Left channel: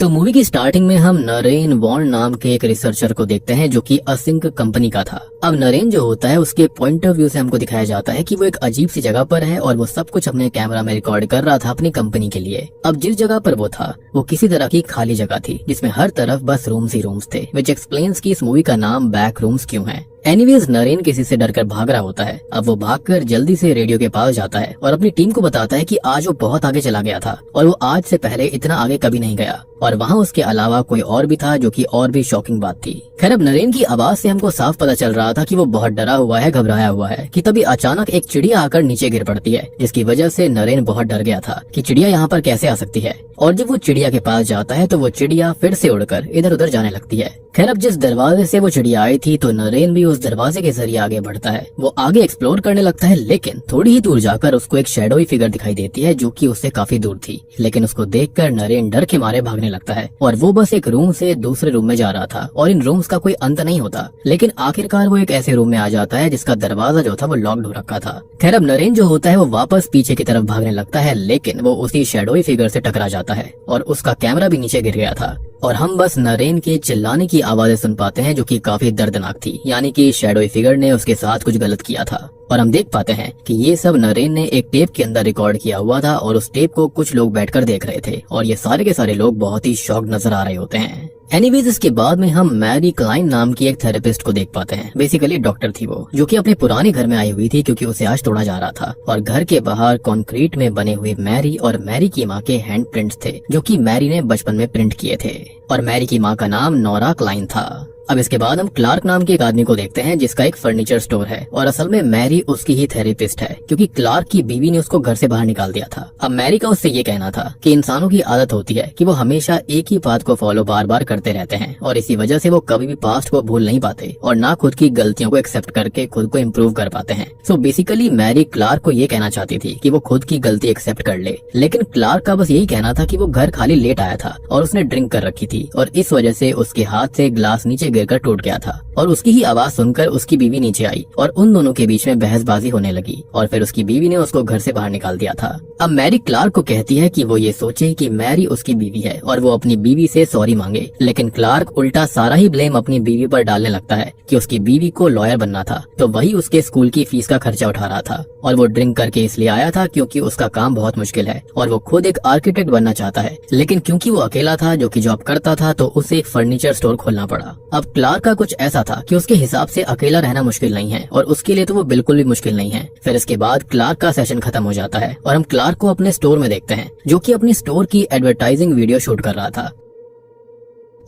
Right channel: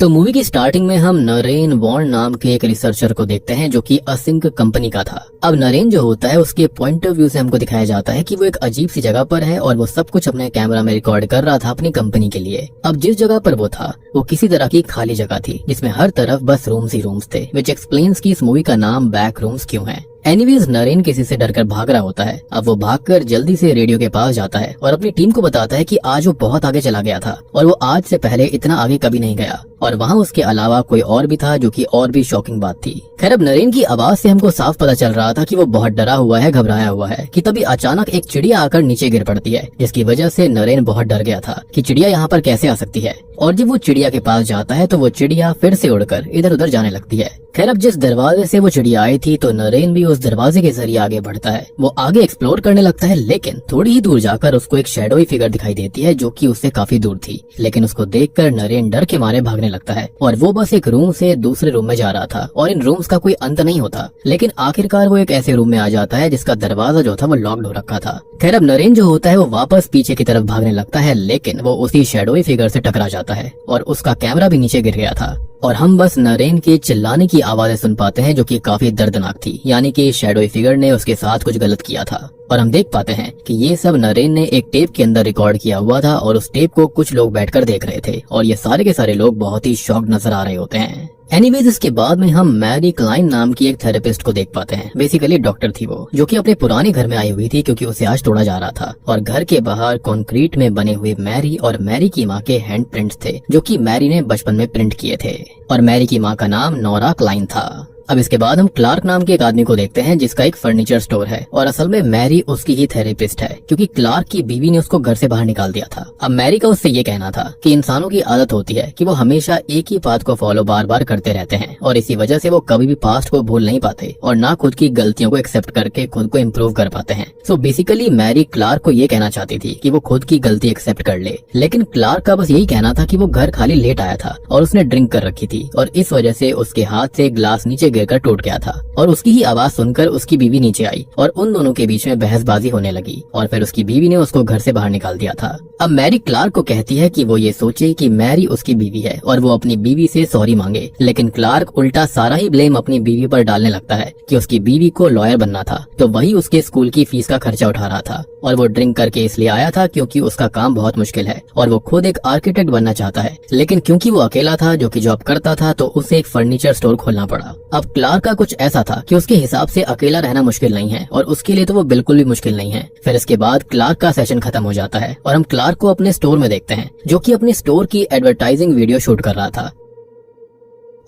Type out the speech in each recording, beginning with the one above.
तो मूवी की स्टार्टिंग में हम नरेन वॉन नाम के एक रिसर्चर को देखते हैं जो कि असिंक कंपनी का था। अब नरेन जो होता है उसके पॉइंट ऑफ व्यू से हमको दिखाया जाता है कि वो एक अजीब सी जगह पर है और वो सब कुछ अपने कैमरा में रिकॉर्ड कर रहा था अपनी कंपनी के लिए। अब जिस जगह पर वो था वो किसी तरह की खाली जगह थी जिसमें हर तरफ बस रूम्स ही रूम्स थे, विच एक्सप्लेन्स की इस मूवी का नाम बैक रूम्स क्यों है। एनीवेज नरेन किसी से डरकर भाग रहा होता है। अब वो भागकर जल्दी से रेडियो के पास जाता है और अपनी टीम को बताता है कि आज वो बहुत आगे चला गया था और वो आज से पहले इतना आगे कभी नहीं गया और वहाँ उसके अलावा कोई और भी था, जो कि और भी शॉकिंग बात थी। खैर अब नरेन की आवाज से हमको साफ पता चल रहा था कि वो बहुत डरा हुआ है, घबराया हुआ है कि तभी अचानक एक चिड़िया आकर नीचे गिर पड़ती है, जिसकी वजह से नरेन बहुत डर गया था कि चिड़िया यहाँ पर कैसे आ सकती है। और जब वो चिड़िया के पास जाता है तो वो चिड़िया फिर से उड़कर इधर उधर जाने लगती है। खैर अब जिस दरवाजे से वो चिड़िया आई थी तो नरेन भी उस दरवाजे के जरिए आगे बढ़ता है। वो आगे एक्सप्लोर करने लगता है, लेकिन थोड़ी ही दूर जाकर उसको एक शैडोई फिगर दिखाई देती है जो कि उससे काफी दूर थी। लेकिन उसको देखकर नरेन डर के मारे भागने लगता है और वो बस एक रूम से दूसरे रूम में जा रहा था और इन रूम्स का कोई अंत नहीं होता। लेकिन आखिरकार वो एक ऐसे रूम में आ जाता है जिसका दरवाजा जो था वो लॉक्ड हो रखा था। खैर अब नरेन जो होता है वो वापस पीछे की तरफ भागने लगता है, लेकिन वो उसी शैडोई फिगर से टकरा जाता है और उसका कैमरा भी नीचे गिर गया था और हम बस नरेन की चिल्लाने की आवाजें सुन पाते हैं जो कि काफी दर्दनाक थी। यानी कि शैडोई फिगर ने उसके साथ कुछ गलत किया था और हम देख पाते हैं कि ये सब नरेन ने एक टेप के अंदर रिकॉर्ड किया हुआ था और उस टेप को कुछ लोग बैठकर देख रहे थे और ये सारे के सारे लोग बहुत ही शॉक्ड नजर आ रहे होते हैं। एनीवेज इसके बाद में हम मैरी क्लाइन नाम की एक थेरेपिस्ट को देख पाते हैं। बेसिकली डॉक्टर थी वो, जो कि अपने पुराने घर में आई हुई थी क्योंकि उसे आज तोड़ा जा रहा था और घर के बाहर कंक्रीट में बने हुए मैरी और मैरी की माँ के हैंड प्रिंट्स थे जो कि मैरी ने बचपन में प्रिंट किए थे और मैरी की माँ का नाम नोरा क्लाइन था। अब इसके बाद हम क्लार्क नाम के एक आदमी को देखते हैं जिसका एक फर्नीचर स्टोर है और असल में मैरी उसकी ही थेरेपिस्ट है क्योंकि क्लार्क की बीवी ने उसको घर से बाहर निकाल दिया था। अब मैरी का उससे ये कहना था कि इंसानों की आदत होती है कि वो हमेशा एक ही बात को फॉलो बार बार करते रहते हैं और इसी वजह से वो कभी भी पास्ट को भूल नहीं पाते और ना खुद की गलतियों को एक्सेप्ट करके खुद को इम्प्रूव कर पाते हैं। सो बेसिकली मैरी क्लार्क को ये कहना चाहती थी कि वो खुद की गलती एक्सेप्ट कर ले, लेकिन क्लार्क का बस यही कहना था कि वो घर खाली लेट आया था और उसने ड्रिंक कर रखी थी और इस वजह से उसके हाथ से ग्लास नीचे गिरकर टूट गया था और उसकी ही आवाज सुनकर उसकी बीवी नीचे आई और उन दोनों के बीच में बहसबाजी होने लगी और फिर उसकी बीवी ने उसको घर से बाहर निकाल दिया था। अब मैरी क्लार्क को कहती है कि वो ये सोचे कि मैरी उसकी बीवी है और वो अपनी बीवी से सॉरी मांगे, लेकिन क्लार्क उल्टा सारा ही ब्लेम अपनी बीवी पर डालने लगता है कि उसकी बीवी को लॉयर बनना था तो वही उसके स्कूल की फीस का खर्चा उठा रहा था और वो ड्रिंक करके इसलिए आया था क्योंकि उसका काम बहुत मुश्किल है और वो खुद एक आर्किटेक्ट बनना चाहता है, लेकिन क्योंकि वो अकेला था जो कि जॉब करता था तो उसे एक फर्नीचर स्टोर खोलना पड़ा। अब क्लार्क का कुछ ऐसा था कि उसके हिसाब से अकेला रहना मुश्किल नहीं है और उसके लिए तो वो बिल्कुल भी मुश्किल नहीं है। फिर इसके बाद क्लार्क का सेशन खत्म हो जाता है और हम क्लार्क को अपने स्टोर में देखते हैं जो कि अपनी स्टोर की एडवर्टाइजिंग वीडियो शूट कर रहा था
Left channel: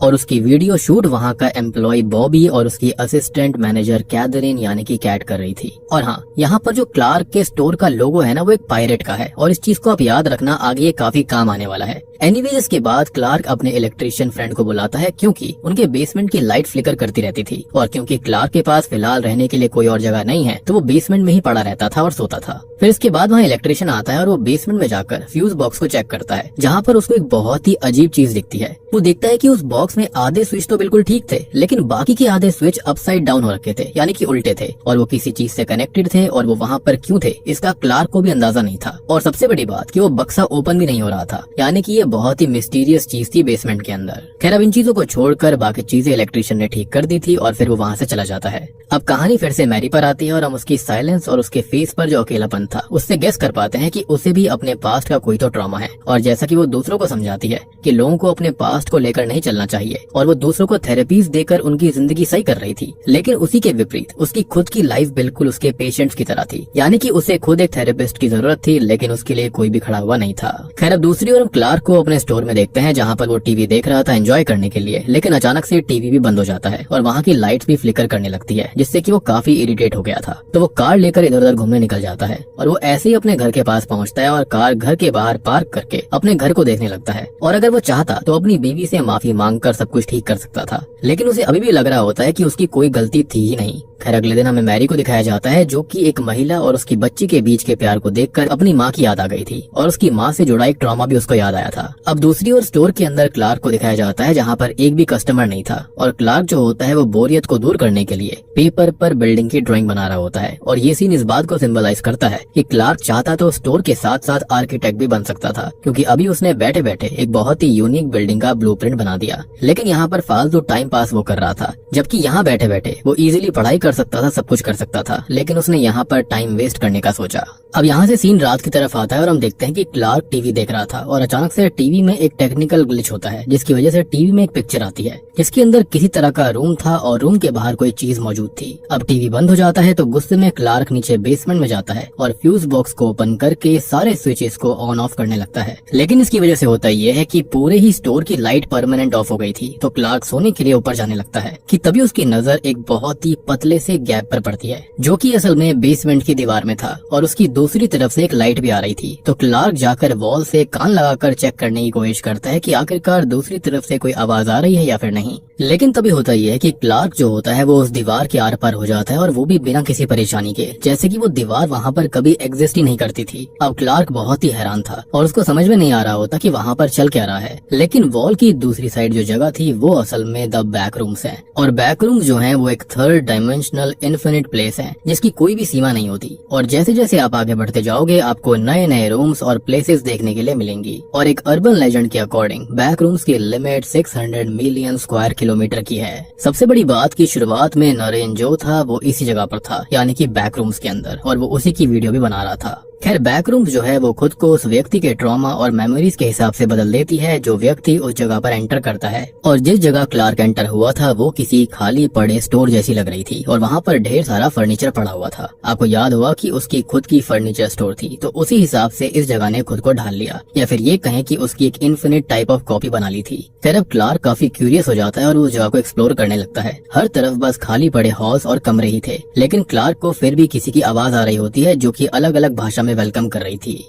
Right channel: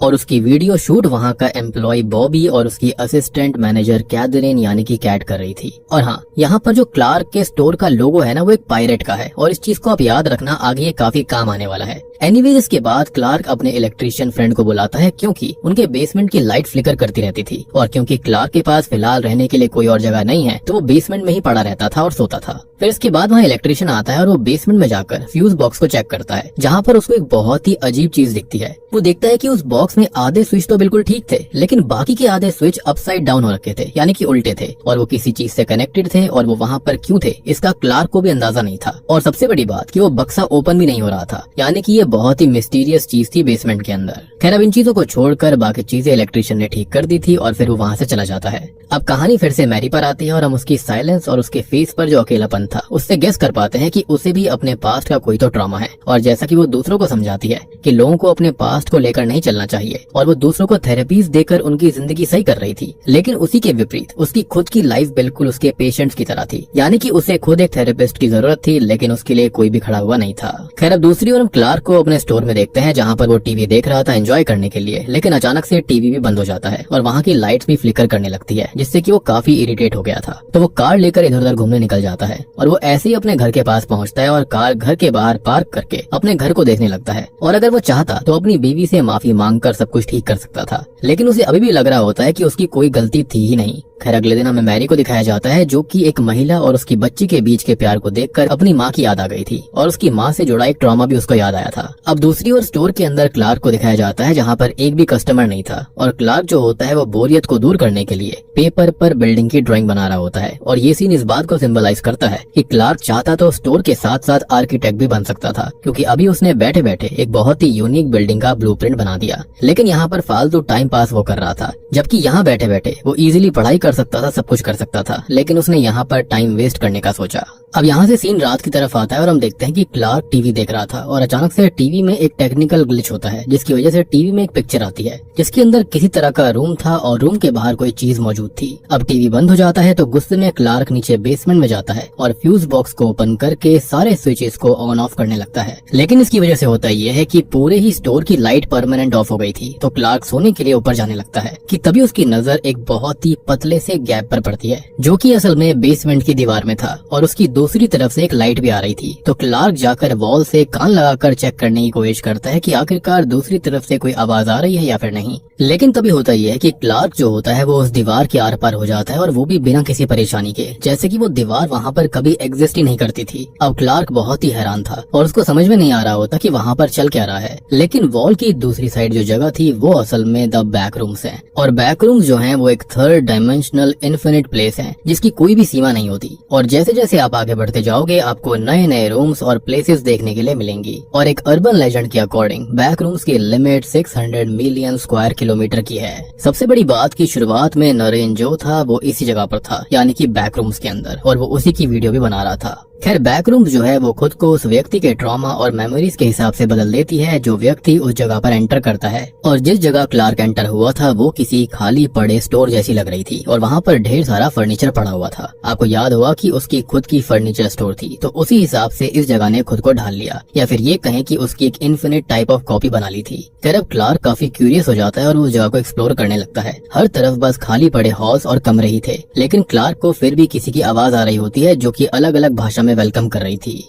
और उसकी वीडियो शूट वहाँ का एम्प्लॉय बॉबी और उसकी असिस्टेंट मैनेजर कैथरीन यानी कि कैट कर रही थी। और हाँ, यहाँ पर जो क्लार्क के स्टोर का लोगो है ना वो एक पायरेट का है और इस चीज को आप याद रखना, आगे ये काफी काम आने वाला है। एनीवेज इसके बाद क्लार्क अपने इलेक्ट्रिशियन फ्रेंड को बुलाता है क्योंकि उनके बेसमेंट की लाइट फ्लिकर करती रहती थी और क्योंकि क्लार्क के पास फिलहाल रहने के लिए कोई और जगह नहीं है तो वो बेसमेंट में ही पड़ा रहता था और सोता था। फिर इसके बाद वहाँ इलेक्ट्रिशियन आता है और वो बेसमेंट में जाकर फ्यूज बॉक्स को चेक करता है जहाँ पर उसको एक बहुत ही अजीब चीज दिखती है। वो देखता है कि उस बॉक्स में आधे स्विच तो बिल्कुल ठीक थे लेकिन बाकी के आधे स्विच अपसाइड डाउन हो रखे थे, यानी कि उल्टे थे और वो किसी चीज से कनेक्टेड थे और वो वहाँ पर क्यों थे इसका क्लार्क को भी अंदाजा नहीं था। और सबसे बड़ी बात कि वो बक्सा ओपन भी नहीं हो रहा था, यानी कि ये बहुत ही मिस्टीरियस चीज थी बेसमेंट के अंदर। खैर अब इन चीजों को छोड़कर बाकी चीजें इलेक्ट्रिशियन ने ठीक कर दी थी और फिर वो वहाँ से चला जाता है। अब कहानी फिर से मैरी पर आती है और हम उसकी साइलेंस और उसके फेस पर जो अकेलापन था उससे गेस कर पाते हैं कि उसे भी अपने पास्ट का कोई तो ट्रॉमा है और जैसा कि वो दूसरों को समझाती है कि लोगों को अपने पास्ट को लेकर नहीं चलना चाहिए और वो दूसरों को थेरेपीज देकर उनकी जिंदगी सही कर रही थी, लेकिन उसी के विपरीत उसकी खुद की लाइफ बिल्कुल उसके पेशेंट्स की तरह थी, यानी कि उसे खुद एक थेरेपिस्ट की जरूरत थी लेकिन उसके लिए कोई भी खड़ा हुआ नहीं था। खैर अब दूसरी ओर हम क्लार्क को अपने स्टोर में देखते हैं जहाँ पर वो टीवी देख रहा था एंजॉय करने के लिए, लेकिन अचानक से टीवी भी बंद हो जाता है और वहाँ की लाइट्स भी फ्लिकर करने लगती है जिससे कि वो काफी इरिटेट हो गया था। तो वो कार लेकर इधर उधर घूमने निकल जाता है और वो ऐसे ही अपने घर के पास पहुँचता है और कार घर के बाहर पार्क करके अपने घर को देखने लगता है और अगर वो चाहता तो अपनी बीवी से माफी मांगकर सब कुछ ठीक कर सकता था, लेकिन उसे अभी भी लग रहा होता है कि उसकी कोई गलती थी ही नहीं। खैर अगले दिन हमें मैरी को दिखाया जाता है जो कि एक महिला और उसकी बच्ची के बीच के प्यार को देखकर अपनी माँ की याद आ गई थी और उसकी माँ से जुड़ा एक ट्रॉमा भी उसको याद आया था। अब दूसरी ओर स्टोर के अंदर क्लार्क को दिखाया जाता है जहाँ पर एक भी कस्टमर नहीं था और क्लार्क जो होता है वो बोरियत को दूर करने के लिए पेपर पर बिल्डिंग की ड्राइंग बना रहा होता है और ये सीन इस बात को सिंबलाइज करता है कि क्लार्क चाहता तो स्टोर के साथ साथ आर्किटेक्ट भी बन सकता था, क्योंकि अभी उसने बैठे बैठे एक बहुत ही यूनिक बिल्डिंग का ब्लूप्रिंट बना दिया। लेकिन यहाँ पर फालतू टाइम पास वो कर रहा था, जबकि यहाँ बैठे बैठे वो इजीली पढ़ाई कर सकता था, सब कुछ कर सकता था, लेकिन उसने यहाँ पर टाइम वेस्ट करने का सोचा। अब यहाँ से सीन रात की तरफ आता है और हम देखते हैं कि क्लार्क टीवी देख रहा था और अचानक से टीवी में एक टेक्निकल ग्लिच होता है जिसकी वजह से टीवी में एक पिक्चर आती है जिसके अंदर किसी तरह का रूम था और रूम के बाहर कोई चीज मौजूद थी। अब टीवी बंद हो जाता है तो गुस्से में क्लार्क नीचे बेसमेंट में जाता है और फ्यूज बॉक्स को ओपन करके सारे स्विचेस को ऑन ऑफ करने लगता है। लेकिन इसकी वजह से होता यह है कि पूरे ही स्टोर की लाइट परमानेंट ऑफ हो गई थी। तो क्लार्क सोने के लिए ऊपर जाने लगता है कि तभी उसकी नजर एक बहुत ही पतले से गैप पर पड़ती है जो कि असल में बेसमेंट की दीवार में था और उसकी दूसरी तरफ से एक लाइट भी आ रही थी। तो क्लार्क जाकर वॉल से कान लगाकर चेक करने की कोशिश करता है कि आखिरकार दूसरी तरफ से कोई आवाज आ रही है या फिर नहीं। लेकिन तभी होता यह है कि क्लार्क जो होता है वो उस दीवार के आर पार हो जाता है और वो भी बिना किसी परेशानी के, जैसे कि वो दीवार वहाँ पर कभी एग्जिस्ट ही नहीं करती थी। अब क्लार्क बहुत ही हैरान था और उसको समझ में नहीं आ रहा होता कि वहाँ पर चल क्या रहा है। लेकिन वॉल की दूसरी साइड जो जगह थी वो असल में द बैक रूम्स है और बैक रूम्स जो है वो एक थर्ड डायमेंशनल इन्फिनिट प्लेस है जिसकी कोई भी सीमा नहीं होती और जैसे जैसे आप आगे बढ़ते जाओगे आपको नए नए रूम्स और प्लेसेस देखने के लिए मिलेंगी। और एक अर्बन लेजेंड के अकॉर्डिंग बैक रूम्स की लिमिट 600 मिलियन स्क्वायर किलोमीटर की है। सबसे बड़ी बात की शुरुआत में नरेन जो था वो इसी जगह पर था, यानी कि बैक रूम्स के अंदर, और वो उसी की वीडियो भी बना रहा था। खैर बैक रूम्स जो है वो खुद को उस व्यक्ति के ट्रॉमा और मेमोरीज के हिसाब से बदल देती है जो व्यक्ति उस जगह पर एंटर करता है। और जिस जगह क्लार्क एंटर हुआ था वो किसी खाली पड़े स्टोर जैसी लग रही थी और वहाँ पर ढेर सारा फर्नीचर पड़ा हुआ था। आपको याद हुआ कि उसकी खुद की फर्नीचर स्टोर थी, तो उसी हिसाब से इस जगह ने खुद को ढाल लिया, या फिर ये कहें कि उसकी एक इन्फिनिट टाइप ऑफ कॉपी बना ली थी। फिर अब क्लार्क काफी क्यूरियस हो जाता है और उस जगह को एक्सप्लोर करने लगता है। हर तरफ बस खाली पड़े हॉल्स और कमरे ही थे, लेकिन क्लार्क को फिर भी किसी की आवाज आ रही होती है जो कि अलग अलग भाषा में वेलकम कर रही थी।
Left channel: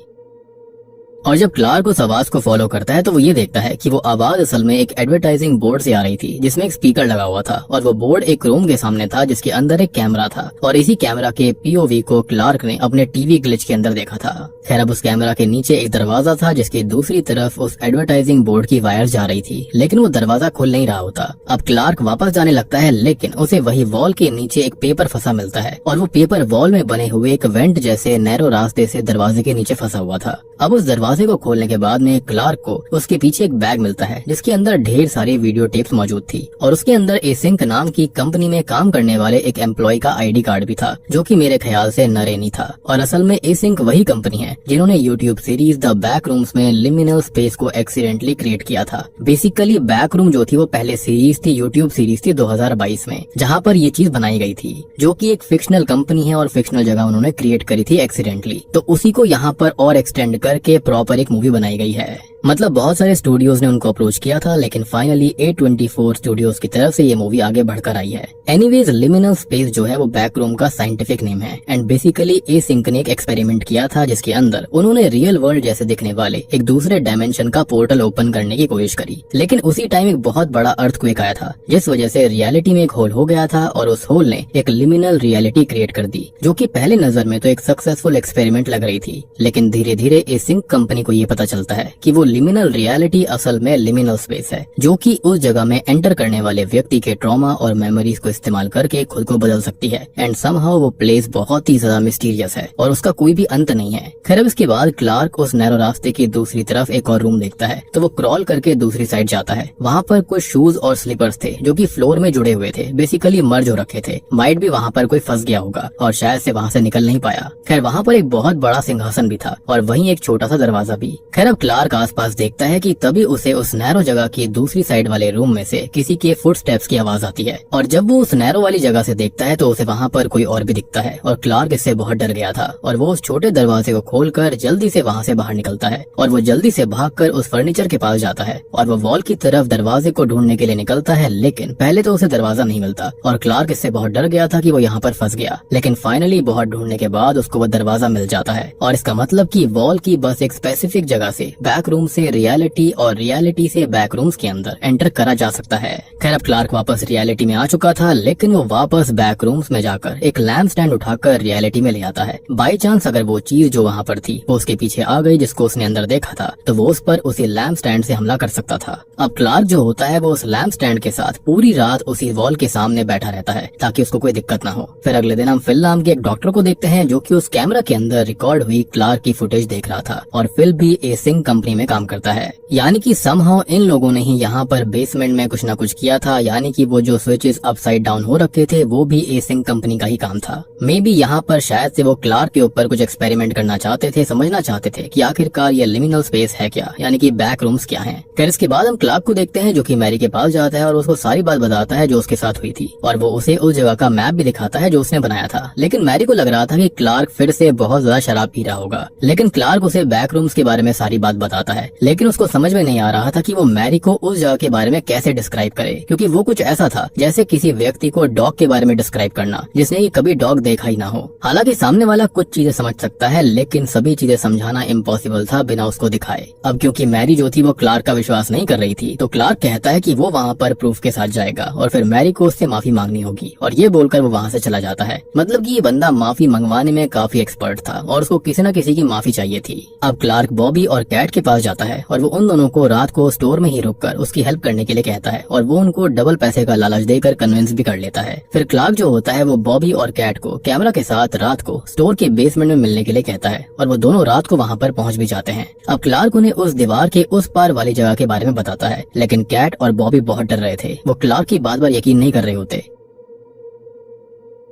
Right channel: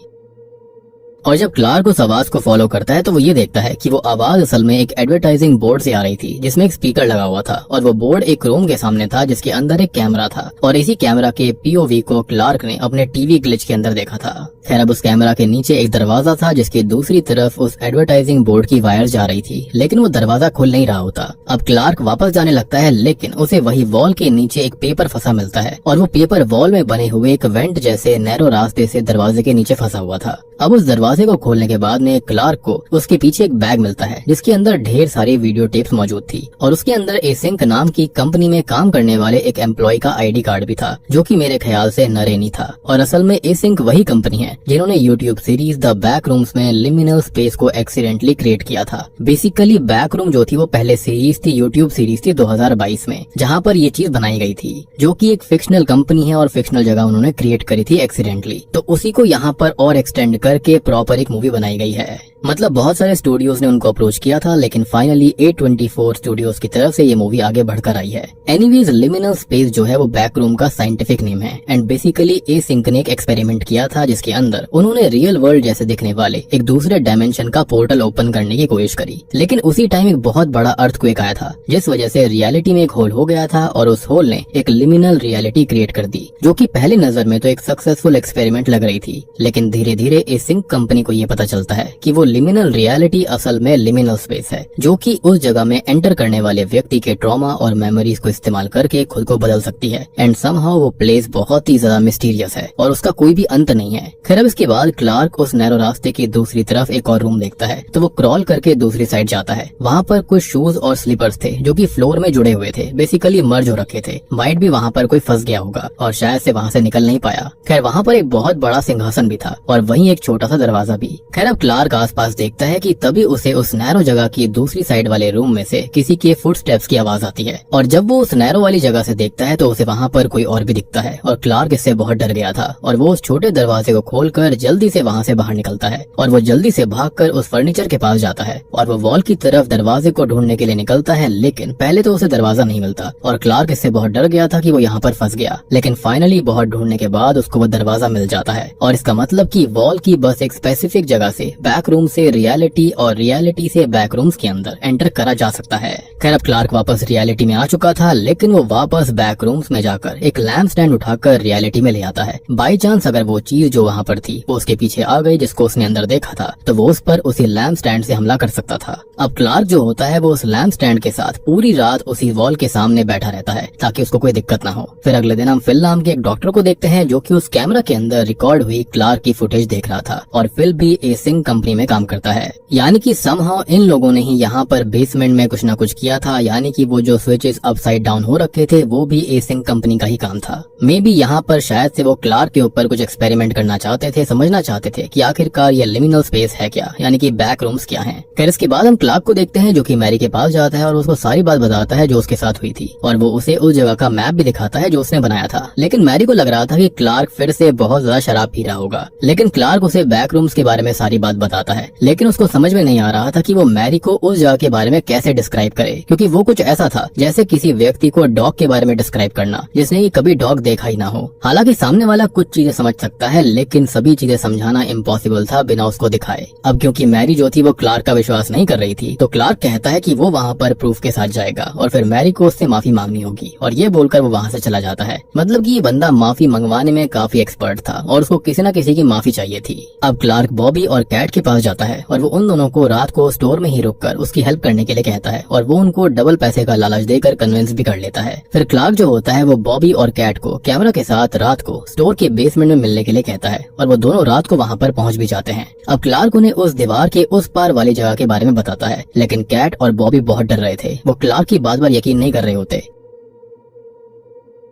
और जब क्लार्क उस आवाज को फॉलो करता है तो वो ये देखता है कि वो आवाज असल में एक एडवर्टाइजिंग बोर्ड से आ रही थी जिसमें एक स्पीकर लगा हुआ था और वो बोर्ड एक रूम के सामने था जिसके अंदर एक कैमरा था और इसी कैमरा के पीओवी को क्लार्क ने अपने टीवी ग्लिच के अंदर देखा था। खैर अब उस कैमरा के नीचे एक दरवाजा था जिसकी दूसरी तरफ उस एडवर्टाइजिंग बोर्ड की वायर जा रही थी, लेकिन वो दरवाजा खुल नहीं रहा होता। अब क्लार्क वापस जाने लगता है लेकिन उसे वही वॉल के नीचे एक पेपर फंसा मिलता है और वो पेपर वॉल में बने हुए एक वेंट जैसे नैरो रास्ते से दरवाजे के नीचे फंसा हुआ था। अब उस दरवाजे को खोलने के बाद में क्लार्क को उसके पीछे एक बैग मिलता है जिसके अंदर ढेर सारी वीडियो टेप्स मौजूद थी और उसके अंदर एसिंक नाम की कंपनी में काम करने वाले एक एम्प्लॉय का आईडी कार्ड भी था जो कि मेरे ख्याल से नरेनी था। और असल में एसिंक वही कंपनी है जिन्होंने YouTube series the back rooms में लिमिनल स्पेस को एक्सीडेंटली क्रिएट किया था। बेसिकली बैक रूम जो थी वो पहले सीरीज थी, यूट्यूब सीरीज थी 2022 में, जहाँ पर ये चीज बनाई गई थी जो कि एक फिक्शनल कंपनी है और फिक्शनल जगह उन्होंने क्रिएट करी थी एक्सीडेंटली। तो उसी को यहाँ पर और एक्सटेंड करके प्रॉपर एक मूवी बनाई गई है। मतलब बहुत सारे स्टूडियोज ने उनको अप्रोच किया था लेकिन फाइनली A24 स्टूडियोज की तरफ से ये मूवी आगे बढ़कर आई है। एनीवेज लिमिनल स्पेस जो है वो बैक रूम का साइंटिफिक नेम है एंड बेसिकली एसिंक ने एक एक्सपेरिमेंट किया था जिसके अंदर उन्होंने रियल वर्ल्ड जैसे दिखने वाले एक दूसरे डायमेंशन का पोर्टल ओपन करने की कोशिश करी, लेकिन उसी टाइम एक बहुत बड़ा अर्थक्वेक आया था जिस वजह से रियलिटी में एक होल हो गया था और उस होल ने एक लिमिनल रियलिटी क्रिएट कर दी जो कि पहली नजर में तो एक सक्सेसफुल एक्सपेरिमेंट लग रही थी, लेकिन धीरे धीरे एसिंक कंपनी को ये पता चलता है कि वो लिमिनल रियलिटी असल में लिमिनल स्पेस है जो कि उस जगह में एंटर करने वाले व्यक्ति के ट्रॉमा और मेमोरीज को इस्तेमाल करके खुद को बदल सकती है एंड समहाउ वो प्लेस बहुत ही ज्यादा मिस्टीरियस है और उसका कोई भी अंत नहीं है। खैर अब इसके बाद क्लार्क उस नैरो रास्ते की दूसरी तरफ एक और रूम देखता है तो वो क्रॉल करके दूसरी साइड जाता है। वहाँ पर कुछ शूज और स्लीपर्स थे जो कि फ्लोर में जुड़े हुए थे, बेसिकली मर्ज हो रखे थे। माइट भी वहाँ पर कोई फंस गया होगा और शायद से वहाँ से निकल नहीं पाया। खैर वहाँ पर एक बहुत बड़ा सिंहासन भी था और वहीं एक छोटा सा दरवाजा भी। खैर अब क्लार्क आसपास देखता है कि तभी उसे उस नैरो जगह की दूसरी साइड वाले रूम में से किसी के फुटस्टेप्स की आवाज आती है और जब वो उस नैरो वाली जगह से देखता है तो उसे वहाँ पर कोई और भी दिखता है और क्लार्क इससे बहुत डर गया था और वो उस छोटे दरवाजे को खोलकर जल्दी से वहाँ से बाहर निकलता है और वो जल्दी से भागकर उस फर्नीचर के पास जाता है और वो वॉल की तरफ दरवाजे को ढूंढने के लिए निकलता है, लेकिन पहले तो उसे दरवाजा नहीं मिलता और क्लार्क इससे बहुत डर गया था कि वो यहाँ पर फंस गया। लेकिन फाइनली बहुत ढूंढने के बाद उसको वो दरवाजा मिल जाता है और इसका मतलब कि वॉल की बस एक स्पेसिफिक जगह से, बैक रूम से रियलिटी और रियलिटी से बैक रूम्स के अंदर एंटर करा जा सकता है। खैर अब क्लार्क वापस रियलिटी में आ चुका था, लेकिन वो वापस बैक रूम्स में जाकर एक लैम्प स्टैंड उठाकर रियलिटी में ले आता है। बाई चांस अगर वो चीज जो वहाँ पर थी वो उसके पीछे आ गई जिसको उसने अंदर देखा था, तो वो उस पर उसी लैम्प स्टैंड से हमला कर सकता था। अब क्लार्क जो होता है वो उस लैम्प स्टैंड के साथ पूरी रात उसी वॉल के सामने बैठा रहता है ताकि उसको कोई दिक्कत ना हो। फिर अगले दिन हम फिल नाम के एक डॉक्टर को देखते हैं जो कि उस कैमरा के अंदर रिकॉर्ड हुई क्लार्क की फुटेज देख रहा था, और फिल भी एसिंग कंपनी में काम करता है। यानी कि समहाउ इन लोगों ने ही यहाँ पर बेसमेंट में कुछ न कुछ किया था, यानी कि वो जो स्विचेस अपसाइड डाउन हो रखे थे वो भी एसिंग कंपनी का ही काम था। मे बी यहाँ पर शायद से वो क्लार्क के ऊपर कुछ एक्सपेरिमेंट करना चाहते थे, समझना चाहते थे कि आखिरकार ये लिमिनल स्पेस है क्या, यानी कि बैक रूम्स क्या हैं। फिर इसके बाद हम क्लार्क को देखते हैं जो कि मैरी के पास जाता है और उसको सारी बात बताता है जो उसके साथ हुई थी, और वो उसे उस जगह का मैप भी दिखाता है जो उसने बनाया था। लेकिन मैरी को लग रहा था कि क्लार्क फिर से बहुत ज्यादा शराब पी रहा होगा, लेकिन क्लार्क उसे बैक रूम्स के बारे में सारी बात बताता है। लेकिन उसको समझ में नहीं आ रहा था कि वो मैरी को उस जगह के बारे में कैसे डिस्क्राइब करे, क्योंकि वो कुछ ऐसा था जैसे किसी व्यक्ति को डॉग के बारे में डिस्क्राइब करना जिसने ये कभी डॉग देखा ही ना हो। हालांकि सामने वाला कुछ चीजें समझ सकता है, लेकिन सभी चीजें समझाना इम्पॉसिबल था बिना उसको दिखाए। अब क्योंकि मैरी जो थी वो क्लार्क का विश्वास नहीं कर रही थी, तो क्लार्क कहता है कि वो वहाँ पर प्रूफ के साथ जाएगा और फिर मैरी को उससे माफी मांगनी होगी, और ये बोलकर वो वहाँ से चला जाता है। मतलब कि ये बंदा माफी मंगवाने में काफी एक्सपर्ट था और उसको किसी न किसी की माफी चाहिए थी। अब क्लार्क बॉबी और कैट के पास जाता है और वो उन दोनों को रात को स्टोर में ही रुककर उसकी हेल्प करने के लिए कहता है, और वो उनको डबल पैसे का लालच देकर कन्विंस भी कर लेता है। फिर क्लार्क जो होता है वो बॉबी और कैट को कैमरा के साथ रात को स्टोर के बेसमेंट में मिलने के लिए कहता है, और वो दोनों रात को वहाँ पर पहुँच भी जाते हैं। अब क्लार्क उन्हें उस दीवार के उस पार वाली जगह के बारे में बताता है, लेकिन कैट और बॉबी बहुत डर रहे थे, वो क्लार्क की बात पर यकीन नहीं कर रहे होते।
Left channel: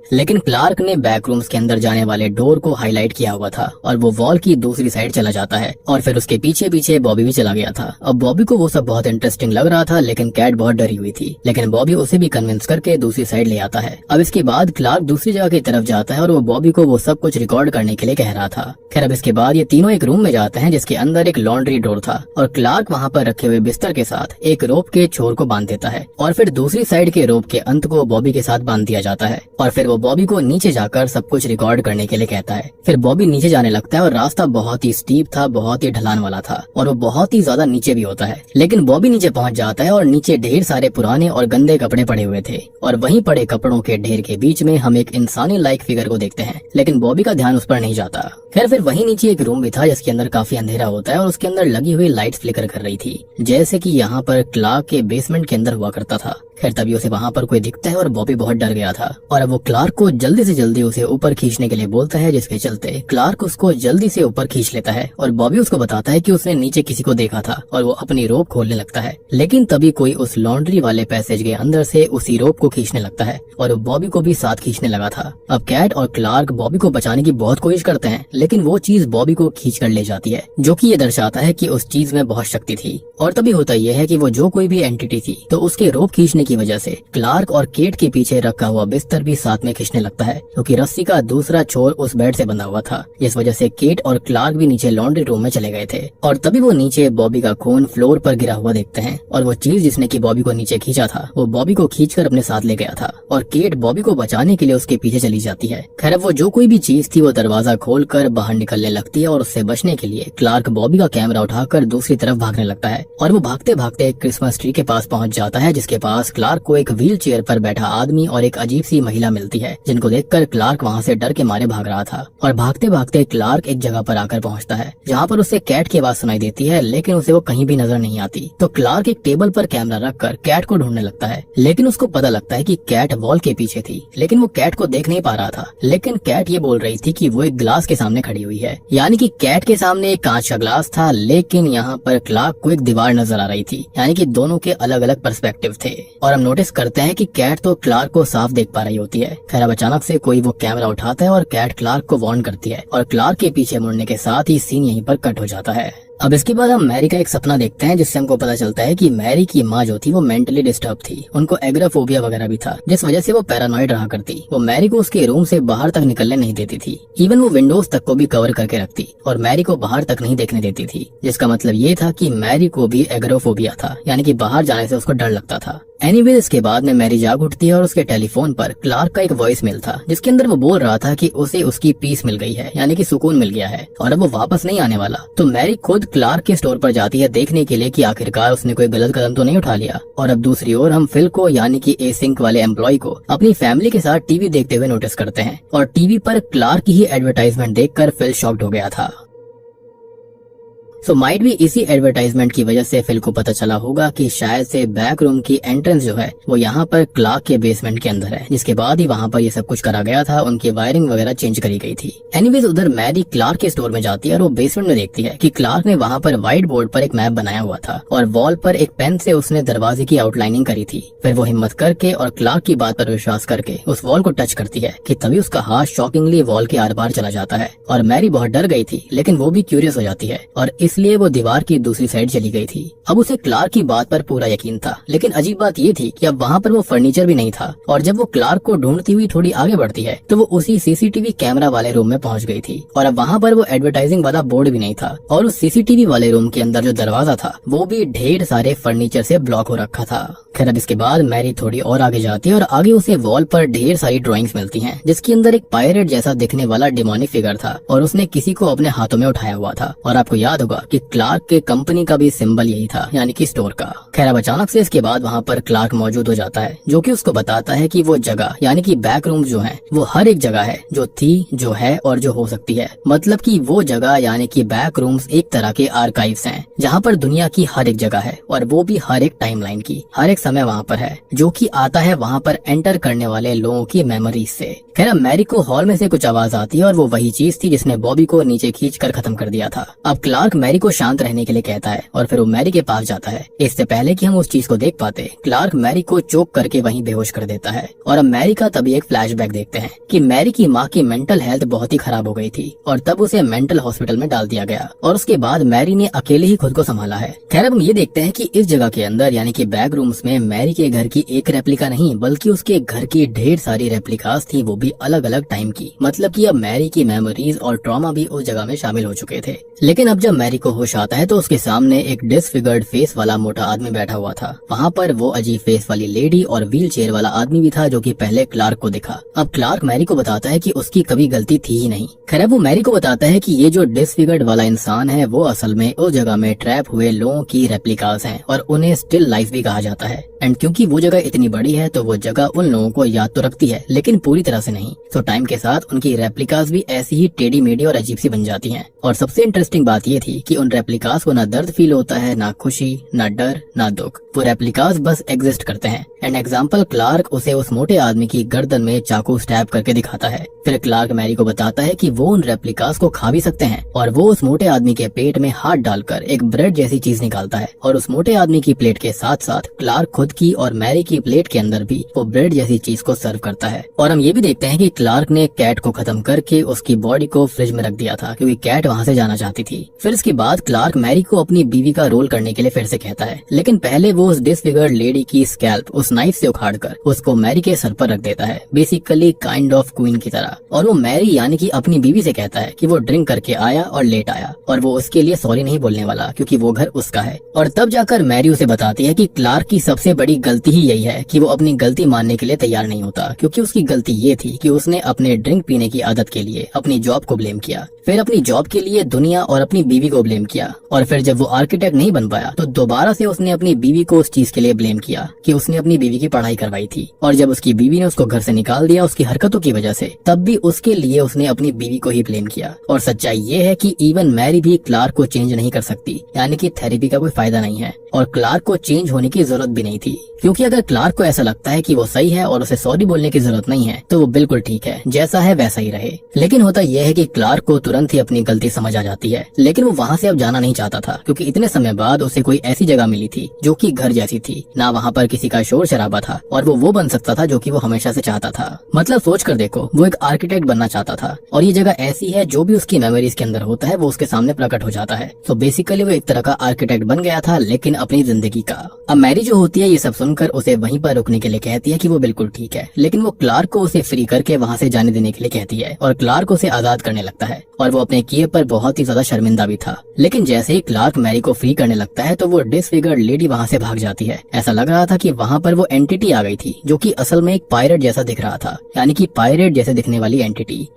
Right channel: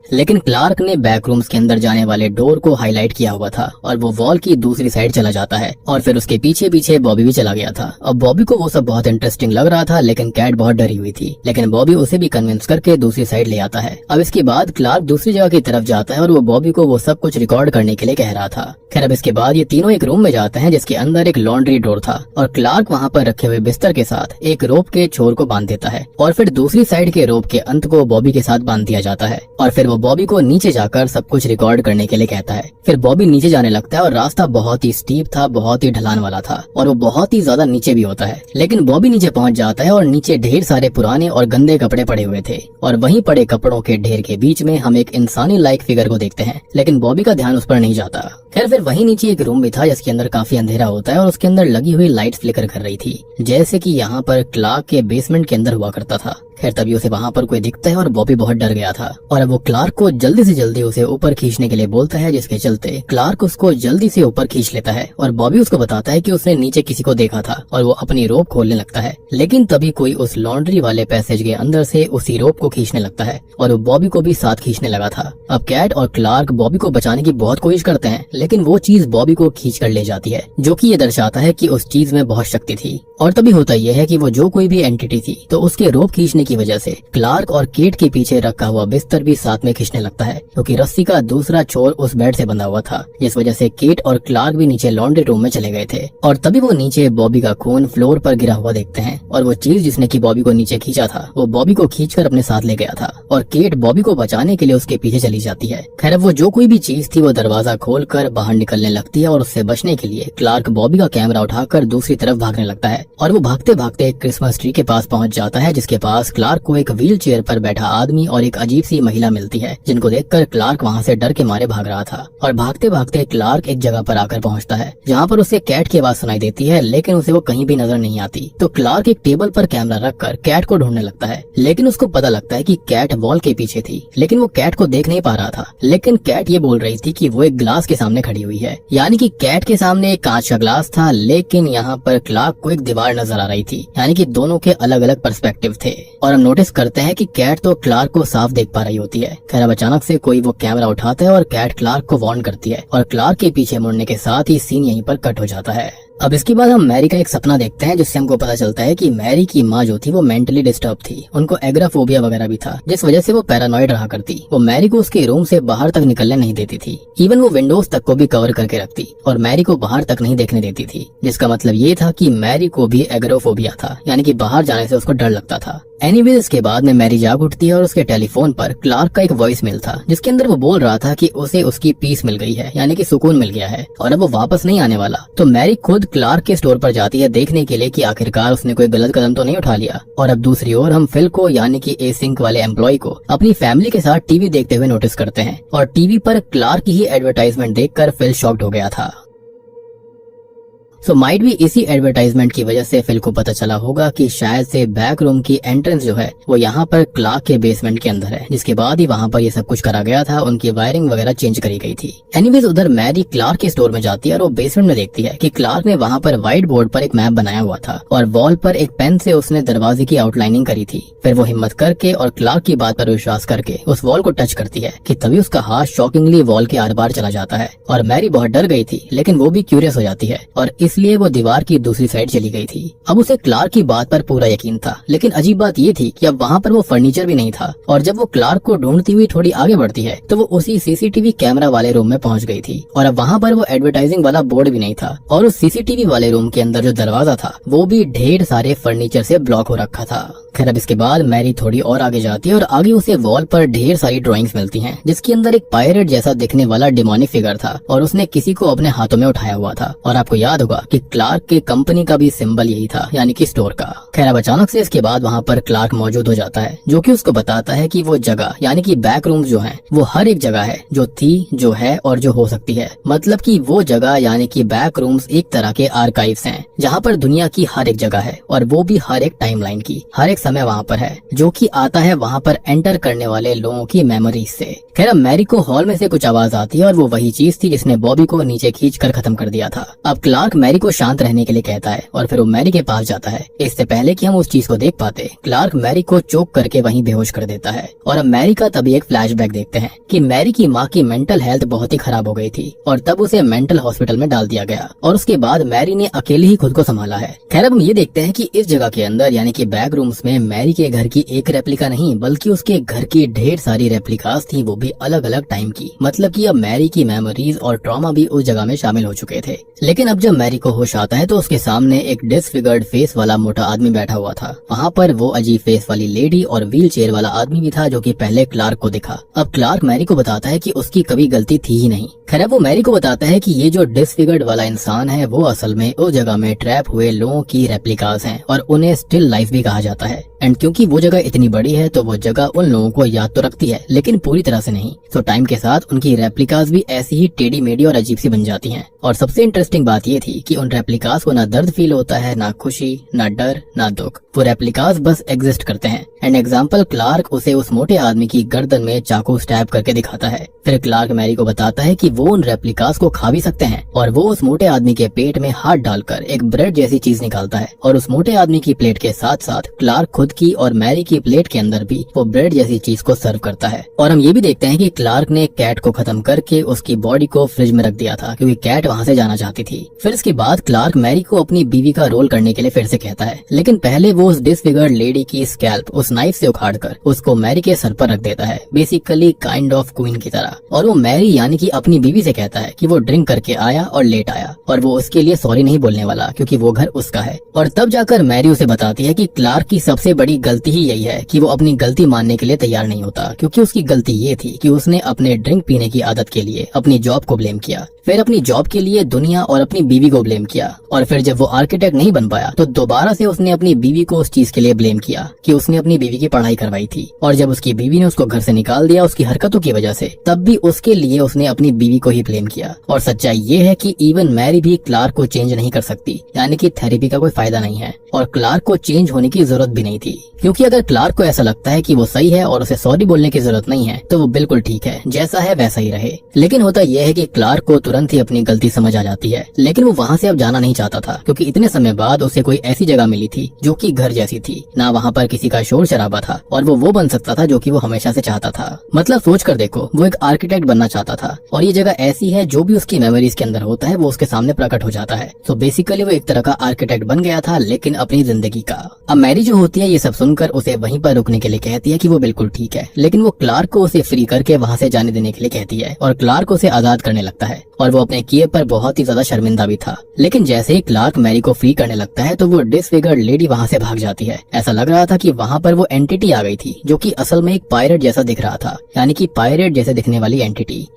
लेकिन क्लार्क ने बैक रूम्स के अंदर जाने वाले डोर को हाईलाइट किया हुआ था और वो वॉल की दूसरी साइड चला जाता है, और फिर उसके पीछे पीछे बॉबी भी चला गया था। अब बॉबी को वो सब बहुत इंटरेस्टिंग लग रहा था, लेकिन कैट बहुत डरी हुई थी, लेकिन बॉबी उसे भी कन्विंस करके दूसरी साइड ले आता है। अब इसके बाद क्लार्क दूसरी जगह की तरफ जाता है और वो बॉबी को वो सब कुछ रिकॉर्ड करने के लिए कह रहा था। खैर अब इसके बाद ये तीनों एक रूम में जाते हैं जिसके अंदर एक लॉन्ड्री डोर था, और क्लार्क वहाँ पर रखे हुए बिस्तर के साथ एक रोप के छोर को बांध देता है, और फिर दूसरी साइड के रोप के अंत को बॉबी के साथ बांध दिया जाता है, और फिर वो बॉबी को नीचे जाकर सब कुछ रिकॉर्ड करने के लिए कहता है। फिर बॉबी नीचे जाने लगता है और रास्ता बहुत ही स्टीप था, बहुत ही ढलान वाला था, और वो बहुत ही ज्यादा नीचे भी होता है। लेकिन बॉबी नीचे पहुंच जाता है और नीचे ढेर सारे पुराने और गंदे कपड़े पड़े हुए थे, और वहीं पड़े कपड़ों के ढेर के बीच में हम एक इंसानी लाइक फिगर को देखते हैं, लेकिन बॉबी का ध्यान उस पर नहीं जाता। खैर फिर वहीं नीचे एक रूम भी था जिसके अंदर काफी अंधेरा होता है और उसके अंदर लगी हुई लाइट फ्लिकर कर रही थी, जैसे कि यहाँ पर क्लार्क के बेसमेंट के अंदर हुआ करता था। खैर तभी उसे वहाँ पर कोई दिखता है और बॉबी बहुत डर गया था, और अब वो क्लार्क को जल्दी से जल्दी उसे ऊपर खींचने के लिए बोलता है, जिसके चलते क्लार्क उसको जल्दी से ऊपर खींच लेता है, और बॉबी उसको बताता है कि उसने नीचे किसी को देखा था, और वो अपनी रोप खोलने लगता है। लेकिन तभी कोई उस लॉन्ड्री वाले पैसेज के अंदर से उसी रोप को खींचने लगता है, और वो बॉबी को भी साथ खींचने लगा था। अब कैट और क्लार्क बॉबी को बचाने की बहुत कोशिश करते हैं, लेकिन वो चीज बॉबी को खींच कर ले जाती है, जो कि ये दर्शाता है कि उस चीज में बहुत शक्ति थी। और तभी होता यह है कि वो जो कोई भी एंटिटी थी, तो उसके रोप खींचने की वजह से क्लार्क और केट के पीछे रखा हुआ बिस्तर भी साथ में खींचने लगता है, क्योंकि रस्सी का दूसरा छोर उस बेड से बंधा हुआ था, जिस वजह से केट और क्लार्क भी नीचे लॉन्ड्री रूम में चले गए थे। और तभी वो नीचे बॉबी का खून फ्लोर पर गिरा हुआ देखते हैं, और वो चीज जिसने की बॉबी को नीचे खींचा था वो बॉबी को खींचकर अपने साथ ले गया था, और केट बॉबी को बचाने के लिए उसके पीछे चली जाती है। खैर अब वो जो कोई भी चीज थी वो दरवाजा खोलकर बाहर निकलने लगती है, और उससे बचने के लिए क्लार्क बॉबी का कैमरा उठाकर दूसरी तरफ भागने लगता है, और वो भागते भागते क्रिसमस ट्री के पास पहुंच जाता है, जिसके पास क्लार्क को एक व्हील चेयर पर बैठा आदमी और एक अजीब सी महिला मिलती है, जिनको देखकर क्लार्क वहाँ से डर के मारे भाग रहा था। और भागते भागते क्लार्क एक जगह पर आकर पहुँचता है जहाँ पर उसे कैट की आवाज सुनाई देती है, लेकिन उसे वो कहीं भी नजर नहीं आती। तो क्लार्क एक टेबल पर कैमरा रखकर कैट को ढूंढने लगता है, लेकिन उसको पता लगता है कि कैट वॉल के पीछे थी, लेकिन वो कैट को देख नहीं पा रहा था। लेकिन कैट ये बोल रही थी कि वो एक ग्लास के सामने खड़ी हुई है, यानी कि कैट के सामने एक कांच का ग्लास था, लेकिन यहाँ पर क्लार्क को एक दीवार नजर आ रही थी, यानी कि दोनों के अलग अलग पर्सपेक्टिव थे। और हम नोटिस करते हैं कि कैट तो क्लार्क को साफ देख पा रही होती है। खैर अब अचानक से कोई वो कैमरा उठाता है और कैट क्लार्क को वार्न करती है, और क्लार्क के पीछे मुड़ने के साथ ही सीन यहीं पर कट हो जाता है। अब इसके बाद हम मैरी का एक सपना देखते हैं, जिससे हमको पता चलता है कि मैरी की माँ जो थी वो मेंटली डिस्टर्ब थी, उनको एग्राफोबिया वगैरह भी था, जिस वजह से वो पैरानॉइड रहा करती। वो मैरी को उसके रूम से बाहर तक निकलने नहीं देती थी, इवन वो विंडोज तक को भी कवर करके रखती और मैरी को बाहर तक नहीं देखने देती थी, जिसका मतलब ये था कि मैरी को भी एग्राफोबिया था, यानी कि बाहर जाने से उसको डर लगता था। एनीवेज इसके बाद में मैरी जाग उठती है और उसके टेलीफोन पर क्लार्क का एक वॉइस मेल था जिसके अंदर वो बोल रहा था कि उसे उसकी पीस मिल गई है, यानी कि सुकून मिल गया है और अब वो वापस नहीं आने वाला। तो मैरी खुद क्लार्क के स्टोर पर जाती है देखने के लिए कि आखिरकार उसने कोई गलत कदम तो नहीं उठा लिया। और अब दूसरी ओर हम फिल को यानी कि एसिंक वाले एम्प्लॉय को अपनी फैमिली के साथ टीवी देखते हुए नोटिस करते हैं और टीवी पर क्लार्क की ही एडवर्टाइजमेंट देखकर फिल शॉक्ड हो गया था। सो माइट भी इसी एडवर्टाइजमेंट की वजह से फिल को पता चला होगा कि शायद से बैक रूम की एंट्रेंस जो है वो यहाँ पर क्लार्क के बेसमेंट के अंदर है, जिसके बाद ही वहाँ पर ये सब कुछ करा गया था, उनकी वायरिंग वगैरह चेंज करी गई थी। एनीवेज उधर मैरी क्लार्क के स्टोर में जाती है और वो बेसमेंट में देखती है कि क्लार्क ने वहाँ पर व्हाइट बोर्ड पर एक मैप बनाया हुआ था और वॉल पर एक पेन से उसने दरवाजे की आउटलाइनिंग करी थी। फिर वो हिम्मत करके और क्लार्क की बात पर विश्वास करके उस वॉल को टच करती है कि तभी उसका हाथ शॉकिंगली वॉल के आर पार चला जाता है और मैरी बहुत डर गई थी, लेकिन वो भी क्यूरियस हो जाती है और इसलिए वो दीवार की दूसरी साइड चली गई थी। अब उसे क्लार्क की बात पर पूरा यकीन था, लेकिन अजीब बात ये थी कि अब वहाँ पर वो फर्नीचर भी नहीं था और जब वो क्लार्क को ढूंढती हुई थोड़ी आगे बढ़ती है तो वो उसी सीसीटीवी कैमरा वाले रूम में पहुंच गई थी और अब वहाँ पर वो एडवर्टाइजिंग वाला बोर्ड भी नहीं था और उस सीसीटीवी वाले रूम के अंदर जो दरवाजा था वो भी ढेर सारे फर्नीचर से ब्लॉक हो रखा था। खैर अब इसके बाद मैरी थोड़ी और आगे जाती है और आगे उसे वॉल पर ढेर सारी ड्राइंग्स मिलती हैं जिसके अंदर एक पायरेट जैसा दिखने वाला डिमोनिक फिगर था और उसने किसी को अपने हाथों में उठाया हुआ था। और आपको याद होगा कि क्लार्क के कंपनी का भी सिंबल यही था, यानी कि स्टोर का। खैर अब अचानक से इसके बाद वहाँ पर क्लार्क मौजूद हो जाता है जो कि उसको बताता है कि वो जगह यानी कि बैक रूम जो है वो हर एक जगह है जो थी, जो है और जो हो सकती है। मतलब कि वो जगह यानी कि बैक रूम्स एक तरह के आर्काइव्स हैं जहाँ पर दुनिया की हर एक जगह है और वो भी हर एक टाइमलाइन की, हर एक समय वहाँ पर है जो कि आता है वहाँ पर एंटर करने वाले लोगों की मेमोरीज से। खैर अब मैरी को हॉल में से कुछ आवाज आती है और वो वही चीज थी जिसने बॉबी को नीचे खींच कर खत्म कर दिया था। अब क्लार्क मैरी को शांत रहने के लिए कहता है और फिर वो मैरी के पास जाता है। इससे पहले कि हम उस चीज को देख पाते, क्लार्क मैरी को चोक करके वहीं बेहोश कर देता है। और अब मैरी का तभी एक फ्लैशबैक देखते हैं कि मैरी की माँ की मेंटल हेल्थ बहुत ही खराब हो गई थी और तब उसे मेंटल हॉस्पिटल में डाल दिया गया और उसके बाद मैरी ने अकेले ही खुद को संभाला है। खैर अब हम ये देखते हैं कि इस जगह के अंदर यानी कि बैक रूम्स में मैरी के घर की एक रेप्लिका नहीं बल्कि उसके घर की ढेर सारी रेप्लिकास थी, वो भी अलग अलग टाइम की। मतलब कि अब मैरी की मेमोरीज और ट्रॉमा भी उस जगह में शामिल हो चुके थे। लेकिन अब जब मैरी को होश आता है तो उसके सामने एक डिसफिगर्ड फेस वाला मोटा आदमी बैठा हुआ था। वहाँ पर वो अजीब फेस वाली लेडी और व्हील चेयर वाला आदमी भी था जो कि पहले क्लार्क को दिखा। अब क्लार्क मैरी को बताता है कि उसकी कभी गलती थी ही नहीं। खैर वो मैरी को बताता है कि ये जो डिसफिगर्ड वाला इंसान है वो असल में उस जगह में ट्रैप हुए लोगों की रेप्लिकास हैं और उन्हें स्टिल लाइफ भी कहा जाता है। एंड क्योंकि वो जगह इतनी बड़ी है तो वो जगह उन लोगों को याद तो रखती है लेकिन पूरी तरह से नहीं। तो टाइम के साथ उनकी रेप्लिकास भी ऐसी ही टेढ़ी मेढ़ी और अजीब सी बन जाती हैं। और सबसे इंटरेस्टिंग बात ये थी कि उन रेप्लिकास को ना दर्द फील होता है, ना खुशी, ना डर, ना दुख। वो रेप्लिकास बस एग्जिस्ट करते हैं। एंड एग्जाम्पल क्लार्क उसे उस मोटे आदमी की गर्दन में चाकू स्टैब करके दिखाता है। फिर क्लार्क मैरी को बताता है कि वो उन रेप्लिकास को खा भी सकते हैं और वो उस मोटे आदमी के पेट में हाथ डालकर एक ब्रेड जैसी चीज निकालता है और उस मोटे आदमी की प्लेट के साथ साथ क्लार्क खुद की और मैरी की प्लेट के अंदर भी वो ब्रेड जैसी चीज को सर्व करता है। और हम ये भी देखते हैं कि क्लार्क ने कैट को खत्म करके उसकी बॉडी को फ्रिज में रख दिया था क्योंकि कैट वहाँ से जाना चाहती थी। फिर इसके बाद क्लार्क मैरी को अपनी बीवी का रोल करने के लिए फिर से कहता है, लेकिन पहले वो उस डिसफिगर्ड लेडी की स्कैल्प उस नाइफ से उखाड़कर उसको मैरी के सर पर रख देता है, बेसिकली काइंड ऑफ क्वीन की तरह। और वो मैरी यानी कि अपनी बीवी से कहता है कि वो ड्रिंक करके आया और लेट आया और वो उसके लिए सॉरी नहीं बोलने वाला क्योंकि वो घर उसका है। और तब जाकर मैरी उसे बताती है कि क्लार्क की सबसे बड़ी गलती ही यही है कि वो अपनी गलती मानने के लिए तैयार नहीं होता, क्योंकि उसकी गलती ये थी कि उसने अपने ड्रिंक पीने की आदत के लिए अपनी जॉब को ब्लेम किया, फिर अपनी जॉब के लिए दुनिया और अपनी बीवी को ब्लेम किया, और फिर जब वो आर्किटेक्ट नहीं बन पाया तो दोबारा से उसने अपनी बीवी को उस चीज के लिए ब्लेम किया कि उसने अपनी बीवी की पढ़ाई करवाई थी, और जब उसकी बीवी ने उसको घर से निकाल दिया उसकी हरकतों की वजह से, तब भी उसके लिए उसने अपनी बीवी को ही ब्लेम किया। और सच्चाई ये है कि इवन मैरी भी क्लार्क को चेंज नहीं कर सकती, यानी कि थेरेपी का कोई फायदा नहीं है और क्लार्क को चेंज होने की जरूरत भी नहीं थी, क्योंकि अगर क्लार्क को ऐसा लगता है कि वो सही है और उसे सॉरी बोलने की जरूरत नहीं है तो वो बिल्कुल ठीक है, जैसा है वैसा ही रहे। लेकिन होता यह है कि क्लार्क को तुरंत ही अपनी गलती समझ आ जाती है, लेकिन वो वहाँ से अब जाना नहीं चाहता था क्योंकि इतने समय बाद उसे कोई ऐसी जगह मिली थी जो कि घर जैसी थी, ना वहाँ पर किसी का शोर शराबा था और वो बन सकता था जो कि वो हमेशा से चाहता था। मतलब सोच कर देखो, वो एक आर्किटेक्ट बनना चाहता था और ये जगह ऐसी है जो भी उसकी मेमोरीज के अंदर होता है वो उसके सामने प्रकट हो जाता है। तो बेसिकली वो एक तरह का आर्किटेक्ट बन गया था, लेकिन अपनी जिंदगी का। अब मैरी जो होती है ये सब सुनकर उसे वहीं पर रुकने के लिए कहती है कि वो बिल्कुल ठीक है, लेकिन वो क्लार्क को उसे फ्री करके वहाँ से जाने देने के लिए कहती है और क्लार्क उसे आजाद करने लगता है और वो अपने किए पर बहुत ही ज्यादा शर्मिंदा भी था। लेकिन जैसे ही क्लार्क मैरी को फ्री करने लगता है तो वो डिसफिगर्ड लेडी वहाँ से भाग जाती है। ऐसा लग रहा था कि वहाँ पर वो एंटिटी आ गई थी जो कि असल में एक पायरेट जैसा दिख रहा था, यानी कि पायरेट जैसे दिखने वाली एंटिटी,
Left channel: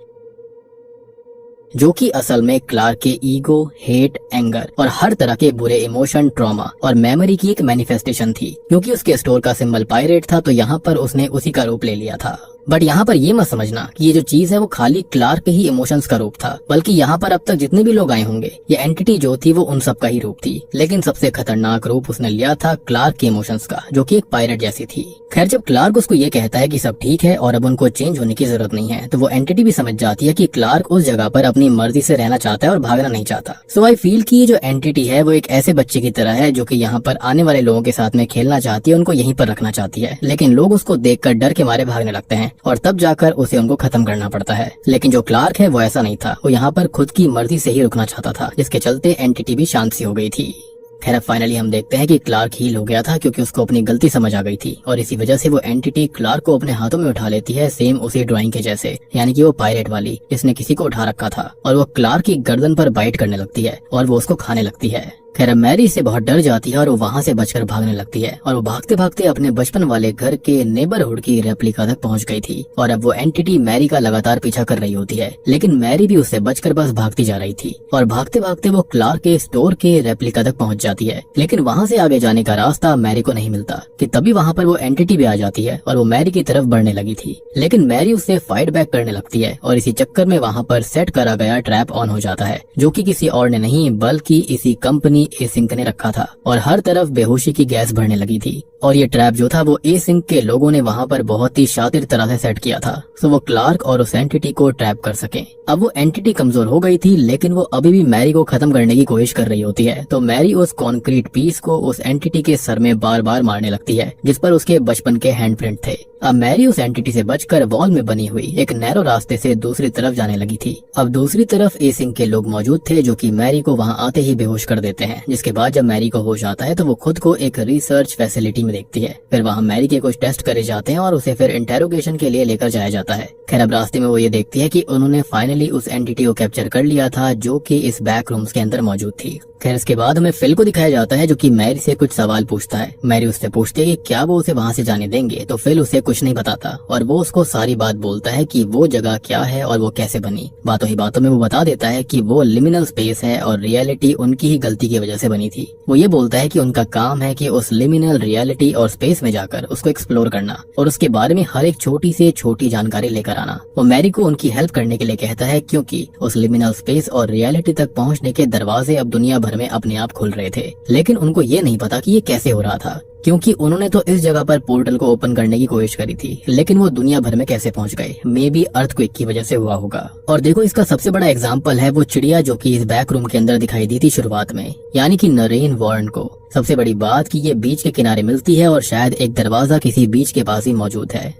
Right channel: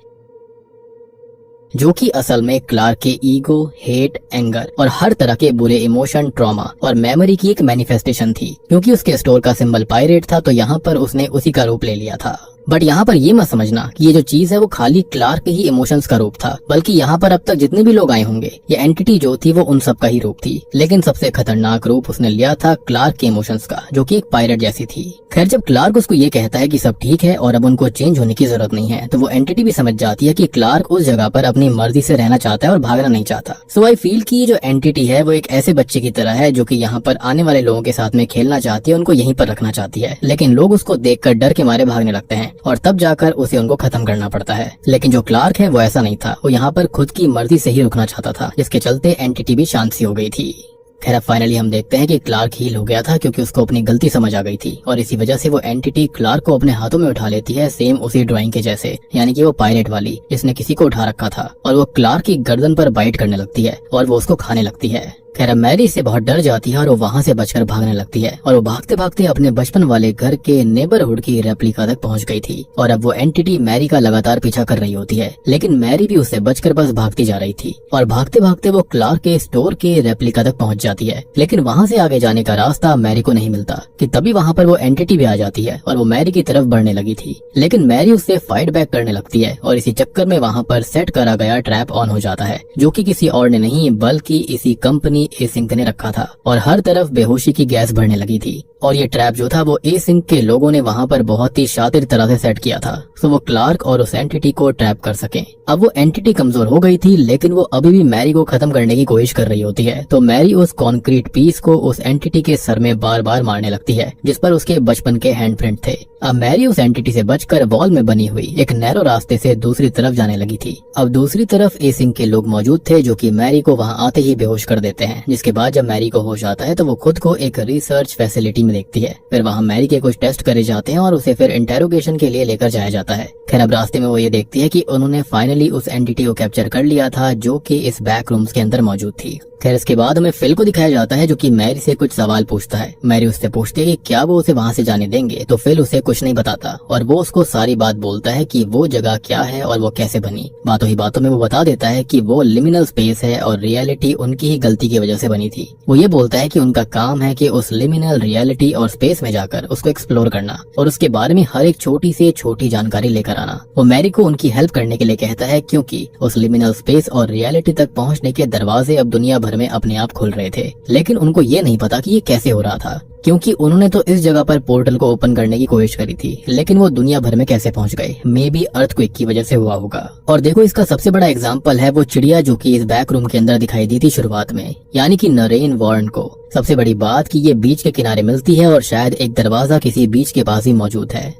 जो कि असल में क्लार्क के ईगो, हेट, एंगर और हर तरह के बुरे इमोशन, ट्रॉमा और मेमोरी की एक मैनिफेस्टेशन थी। क्योंकि उसके स्टोर का सिंबल पायरेट था तो यहाँ पर उसने उसी का रूप ले लिया था। बट यहाँ पर ये मत समझना कि ये जो चीज है वो खाली क्लार्क के ही इमोशंस का रूप था, बल्कि यहाँ पर अब तक जितने भी लोग आए होंगे ये एंटिटी जो थी वो उन सब का ही रूप थी। लेकिन सबसे खतरनाक रूप उसने लिया था क्लार्क के इमोशंस का, जो कि एक पायरेट जैसी थी। खैर, जब क्लार्क उसको ये कहता है कि सब ठीक है और अब उनको चेंज होने की जरूरत नहीं है, तो वो एंटिटी भी समझ जाती है कि क्लार्क उस जगह पर अपनी मर्जी से रहना चाहता है और भागना नहीं चाहता। सो आई फील कि जो एंटिटी है वो एक ऐसे बच्चे की तरह है जो कि यहाँ पर आने वाले लोगों के साथ में खेलना चाहती है, उनको यहीं पर रखना चाहती है, लेकिन लोग उसको देखकर डर के मारे भागने लगते हैं और तब जाकर उसे उनको खत्म करना पड़ता है। लेकिन जो क्लार्क है वो ऐसा नहीं था, वो यहाँ पर खुद की मर्जी से ही रुकना चाहता था, जिसके चलते एंटिटी भी शांत सी हो गई थी। खैर, फाइनली हम देखते हैं कि क्लार्क हील हो गया था क्योंकि उसको अपनी गलती समझ आ गई थी और इसी वजह से वो एंटिटी क्लार्क को अपने हाथों में उठा लेती है, सेम उसी ड्राइंग के जैसे, यानी कि वो पायरेट वाली जिसने किसी को उठा रखा था, और वो क्लार्क की गर्दन पर बाइट करने लगती है और वो उसको खाने लगती है। खैर, मैरी इससे बहुत डर जाती है और वो वहाँ से बचकर भागने लगती है और वो भागते भागते अपने बचपन वाले घर के नेबरहुड की रेप्लिका तक पहुँच गई थी और अब वो एंटिटी मैरी का लगातार पीछा कर रही होती है। लेकिन मैरी भी उससे बचकर बस भागती जा रही थी और भागते भागते वो क्लार्क के स्टोर के रेप्लिका तक पहुँच जाती है। लेकिन वहाँ से आगे जाने का रास्ता मैरी को नहीं मिलता कि तभी वहाँ पर वो एंटिटी भी आ जाती है और वो मैरी की तरफ बढ़ने लगी थी। लेकिन मैरी उससे फाइट बैक करने लगती है और इसी चक्कर में वहाँ पर सेट करा गया ट्रैप ऑन हो जाता है, जो कि किसी और ने नहीं बल्कि इसी कंपनी एसिंक ने रखा था और हर तरफ बेहोशी की गैस बढ़ने लगी थी। और ये ट्रैप जो था वो एसिंक के लोगों ने वहाँ पर बहुत ही शातिर तरह से सेट किया था, तो वो क्लार्क और उस एंटिटी को ट्रैप कर सके। अब वो एंटिटी कमजोर हो गई थी, लेकिन वो अभी भी मैरी को खत्म करने की कोशिश कर रही होती है। तो मैरी उस कॉन्क्रीट पीस को उस एंटिटी के सर में बार बार मारने लगती है, जिस पर उसके बचपन के हैंडप्रिंट थे। अब मैरी उस एंटिटी से बचकर वॉल में बनी हुई एक नैरो रास्ते से दूसरी तरफ जाने लगी थी। अब दूसरी तरफ एसिंक के लोग मौजूद थे, जो कि मैरी को वहाँ आते ही बेहोश कर देते हैं। जिसके बाद जब मैरी को होश आता है तो वो खुद को एक रिसर्च फैसिलिटी में देखती है। फिर वहाँ मैरी के कुछ टेस्ट करे जाते हैं और उसे फिर इंटेरोगेशन के लिए लेकर जाया जाता है। खैर, अब रास्ते में वो ये देखती है कि उन्होंने फाइनली उस एंटिटी को कैप्चर कर लिया था, जो कि इस बैक रूम्स के अंदर मौजूद थी। खैर, इसके बाद हमें फिल को दिखाया जाता है, जो कि मैरी से कुछ सवाल पूछता है। मैरी उससे पूछती है कि क्या वो उसे वहाँ से जाने देंगे, तो फिल उसे कुछ नहीं बताता और वो उसको सारी बात बोलता है कि वो जगह क्या है और वो कैसे बनी। बातों ही बातों में वो बता देता है कि वो लिमिनल स्पेस है और रियलिटी उनकी ही गलती की वजह से बनी थी। वो ये बोलता है कि उनका काम है कि उस लिमिनल रियलिटी और स्पेस में जाकर उसको एक्सप्लोर करना और उसके बारे में हर एक छोटी से छोटी जानकारी लेकर आना। वो मैरी को उनकी हेल्प करने के लिए कहता है, क्योंकि उस लिमिनल स्पेस और रियलिटी तक पहुँचने के दरवाजे अब दुनिया भर में अपने आप खुल रहे थे। लेकिन उनको ये नहीं पता कि ये कैसे हो रहा था, क्योंकि उन्होंने तो इस जगह पर पोर्टल को ओपन करने की कोशिश करी थी, लेकिन वो दुनिया भर में कैसे पहुंच गए। मे बी अर्थक्वेक की वजह से हुआ होगा। और देखो, इसका सबसे बड़ा एग्जांपल है वो चिड़िया जो कि इस बैक रूम के अंदर दिखाई दी थी शुरुआत में, यानी कि नरेन वॉर्न को। सबसे बड़ी बात कि ये बीच के किनारे मिलती है और शायद एक दरवाजा किसी बीच के पास ही मौजूद है।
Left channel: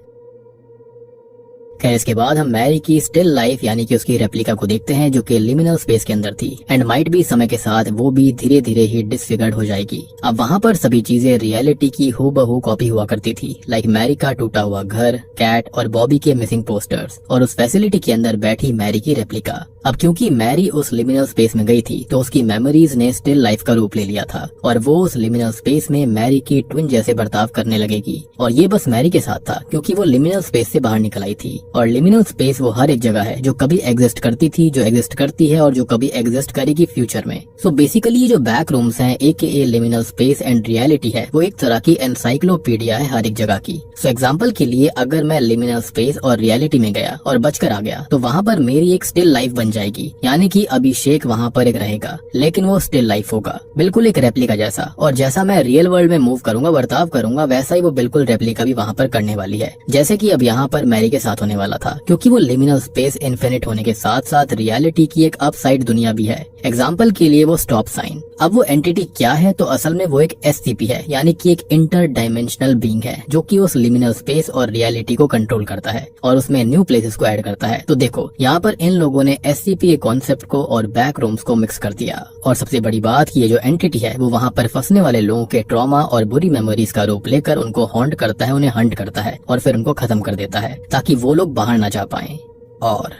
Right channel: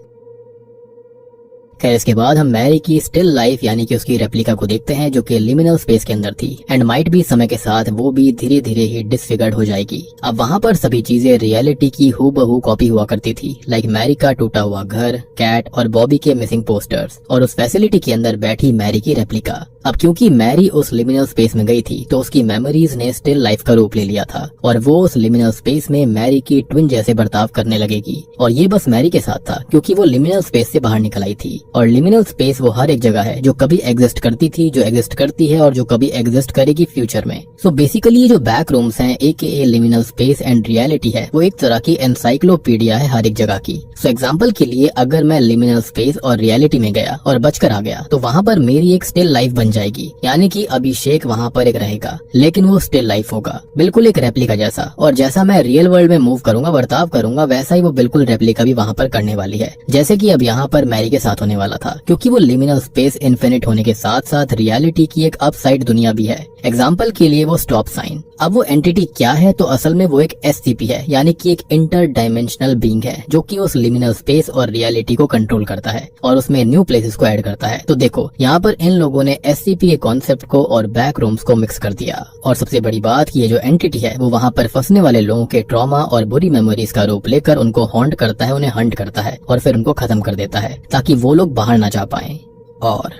खैर, इसके बाद हम मैरी की स्टिल लाइफ यानी कि उसकी रेप्लिका को देखते हैं, जो कि लिमिनल स्पेस के अंदर थी एंड माइट भी समय के साथ वो भी धीरे धीरे ही डिसफिगर्ड हो जाएगी। अब वहाँ पर सभी चीजें रियलिटी की हूबहू कॉपी हुआ करती थी, लाइक मैरी का टूटा हुआ घर, कैट और बॉबी के मिसिंग पोस्टर्स और उस फैसिलिटी के अंदर बैठी मैरी की रेप्लिका। अब क्योंकि मैरी उस लिमिनल स्पेस में गई थी तो उसकी मेमोरीज ने स्टिल लाइफ का रूप ले लिया था और वो उस लिमिनल स्पेस में मैरी की ट्विन जैसे बर्ताव करने लगेगी। और ये बस मैरी के साथ था, क्योंकि वो लिमिनल स्पेस से बाहर निकल आई थी और लिमिनल स्पेस वो हर एक जगह है जो कभी एग्जिस्ट करती थी, जो एग्जिस्ट करती है और जो कभी एग्जिस्ट करेगी फ्यूचर में। सो बेसिकली ये जो बैक रूम्स हैं AKA liminal space and reality है, वो एक तरह की एनसाइक्लोपीडिया है हर एक जगह की। सो एग्जांपल के लिए अगर मैं लिमिनल स्पेस और रियलिटी में गया और बचकर आ गया तो वहाँ पर मेरी एक स्टिल लाइफ बन जाएगी, यानी कि अभिषेक वहाँ पर एक रहेगा, लेकिन वो स्टिल लाइफ होगा, बिल्कुल एक रेप्लिका जैसा। और जैसा मैं रियल वर्ल्ड में मूव करूंगा, बर्ताव करूंगा, वैसा ही वो बिल्कुल रेप्लिका भी वहाँ पर करने वाली है, जैसे कि अब यहाँ पर मैरी के साथ होने वाला वाला था, क्योंकि वो लिमिनल स्पेस इन्फिनिट होने के साथ साथ रियलिटी की एक अपसाइड दुनिया भी है। एग्जाम्पल के लिए वो स्टॉप साइन। अब वो एंटिटी क्या है, तो असल में वो एक SCP है, यानी कि एक इंटर डायमेंशनल बीइंग है जो कि उस लिमिनल स्पेस और रियलिटी को कंट्रोल करता है और उसमें न्यू प्लेसेस को ऐड करता है। तो देखो यहाँ पर इन लोगों ने SCP के कॉन्सेप्ट को और बैक रूम्स को मिक्स कर दिया। और सबसे बड़ी बात कि ये जो एंटिटी है वो वहाँ पर फंसने वाले लोगों के ट्रॉमा और बुरी मेमोरीज का रूप लेकर उनको हॉन्ट करता है, उन्हें हंट करता है और फिर उनको खत्म कर देता है ताकि वो लोग बाहर ना जा पाए। और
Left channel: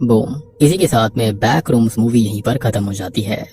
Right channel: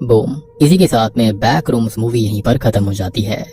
बूम, इसी के साथ में बैक रूम्स मूवी यहीं पर खत्म हो जाती है।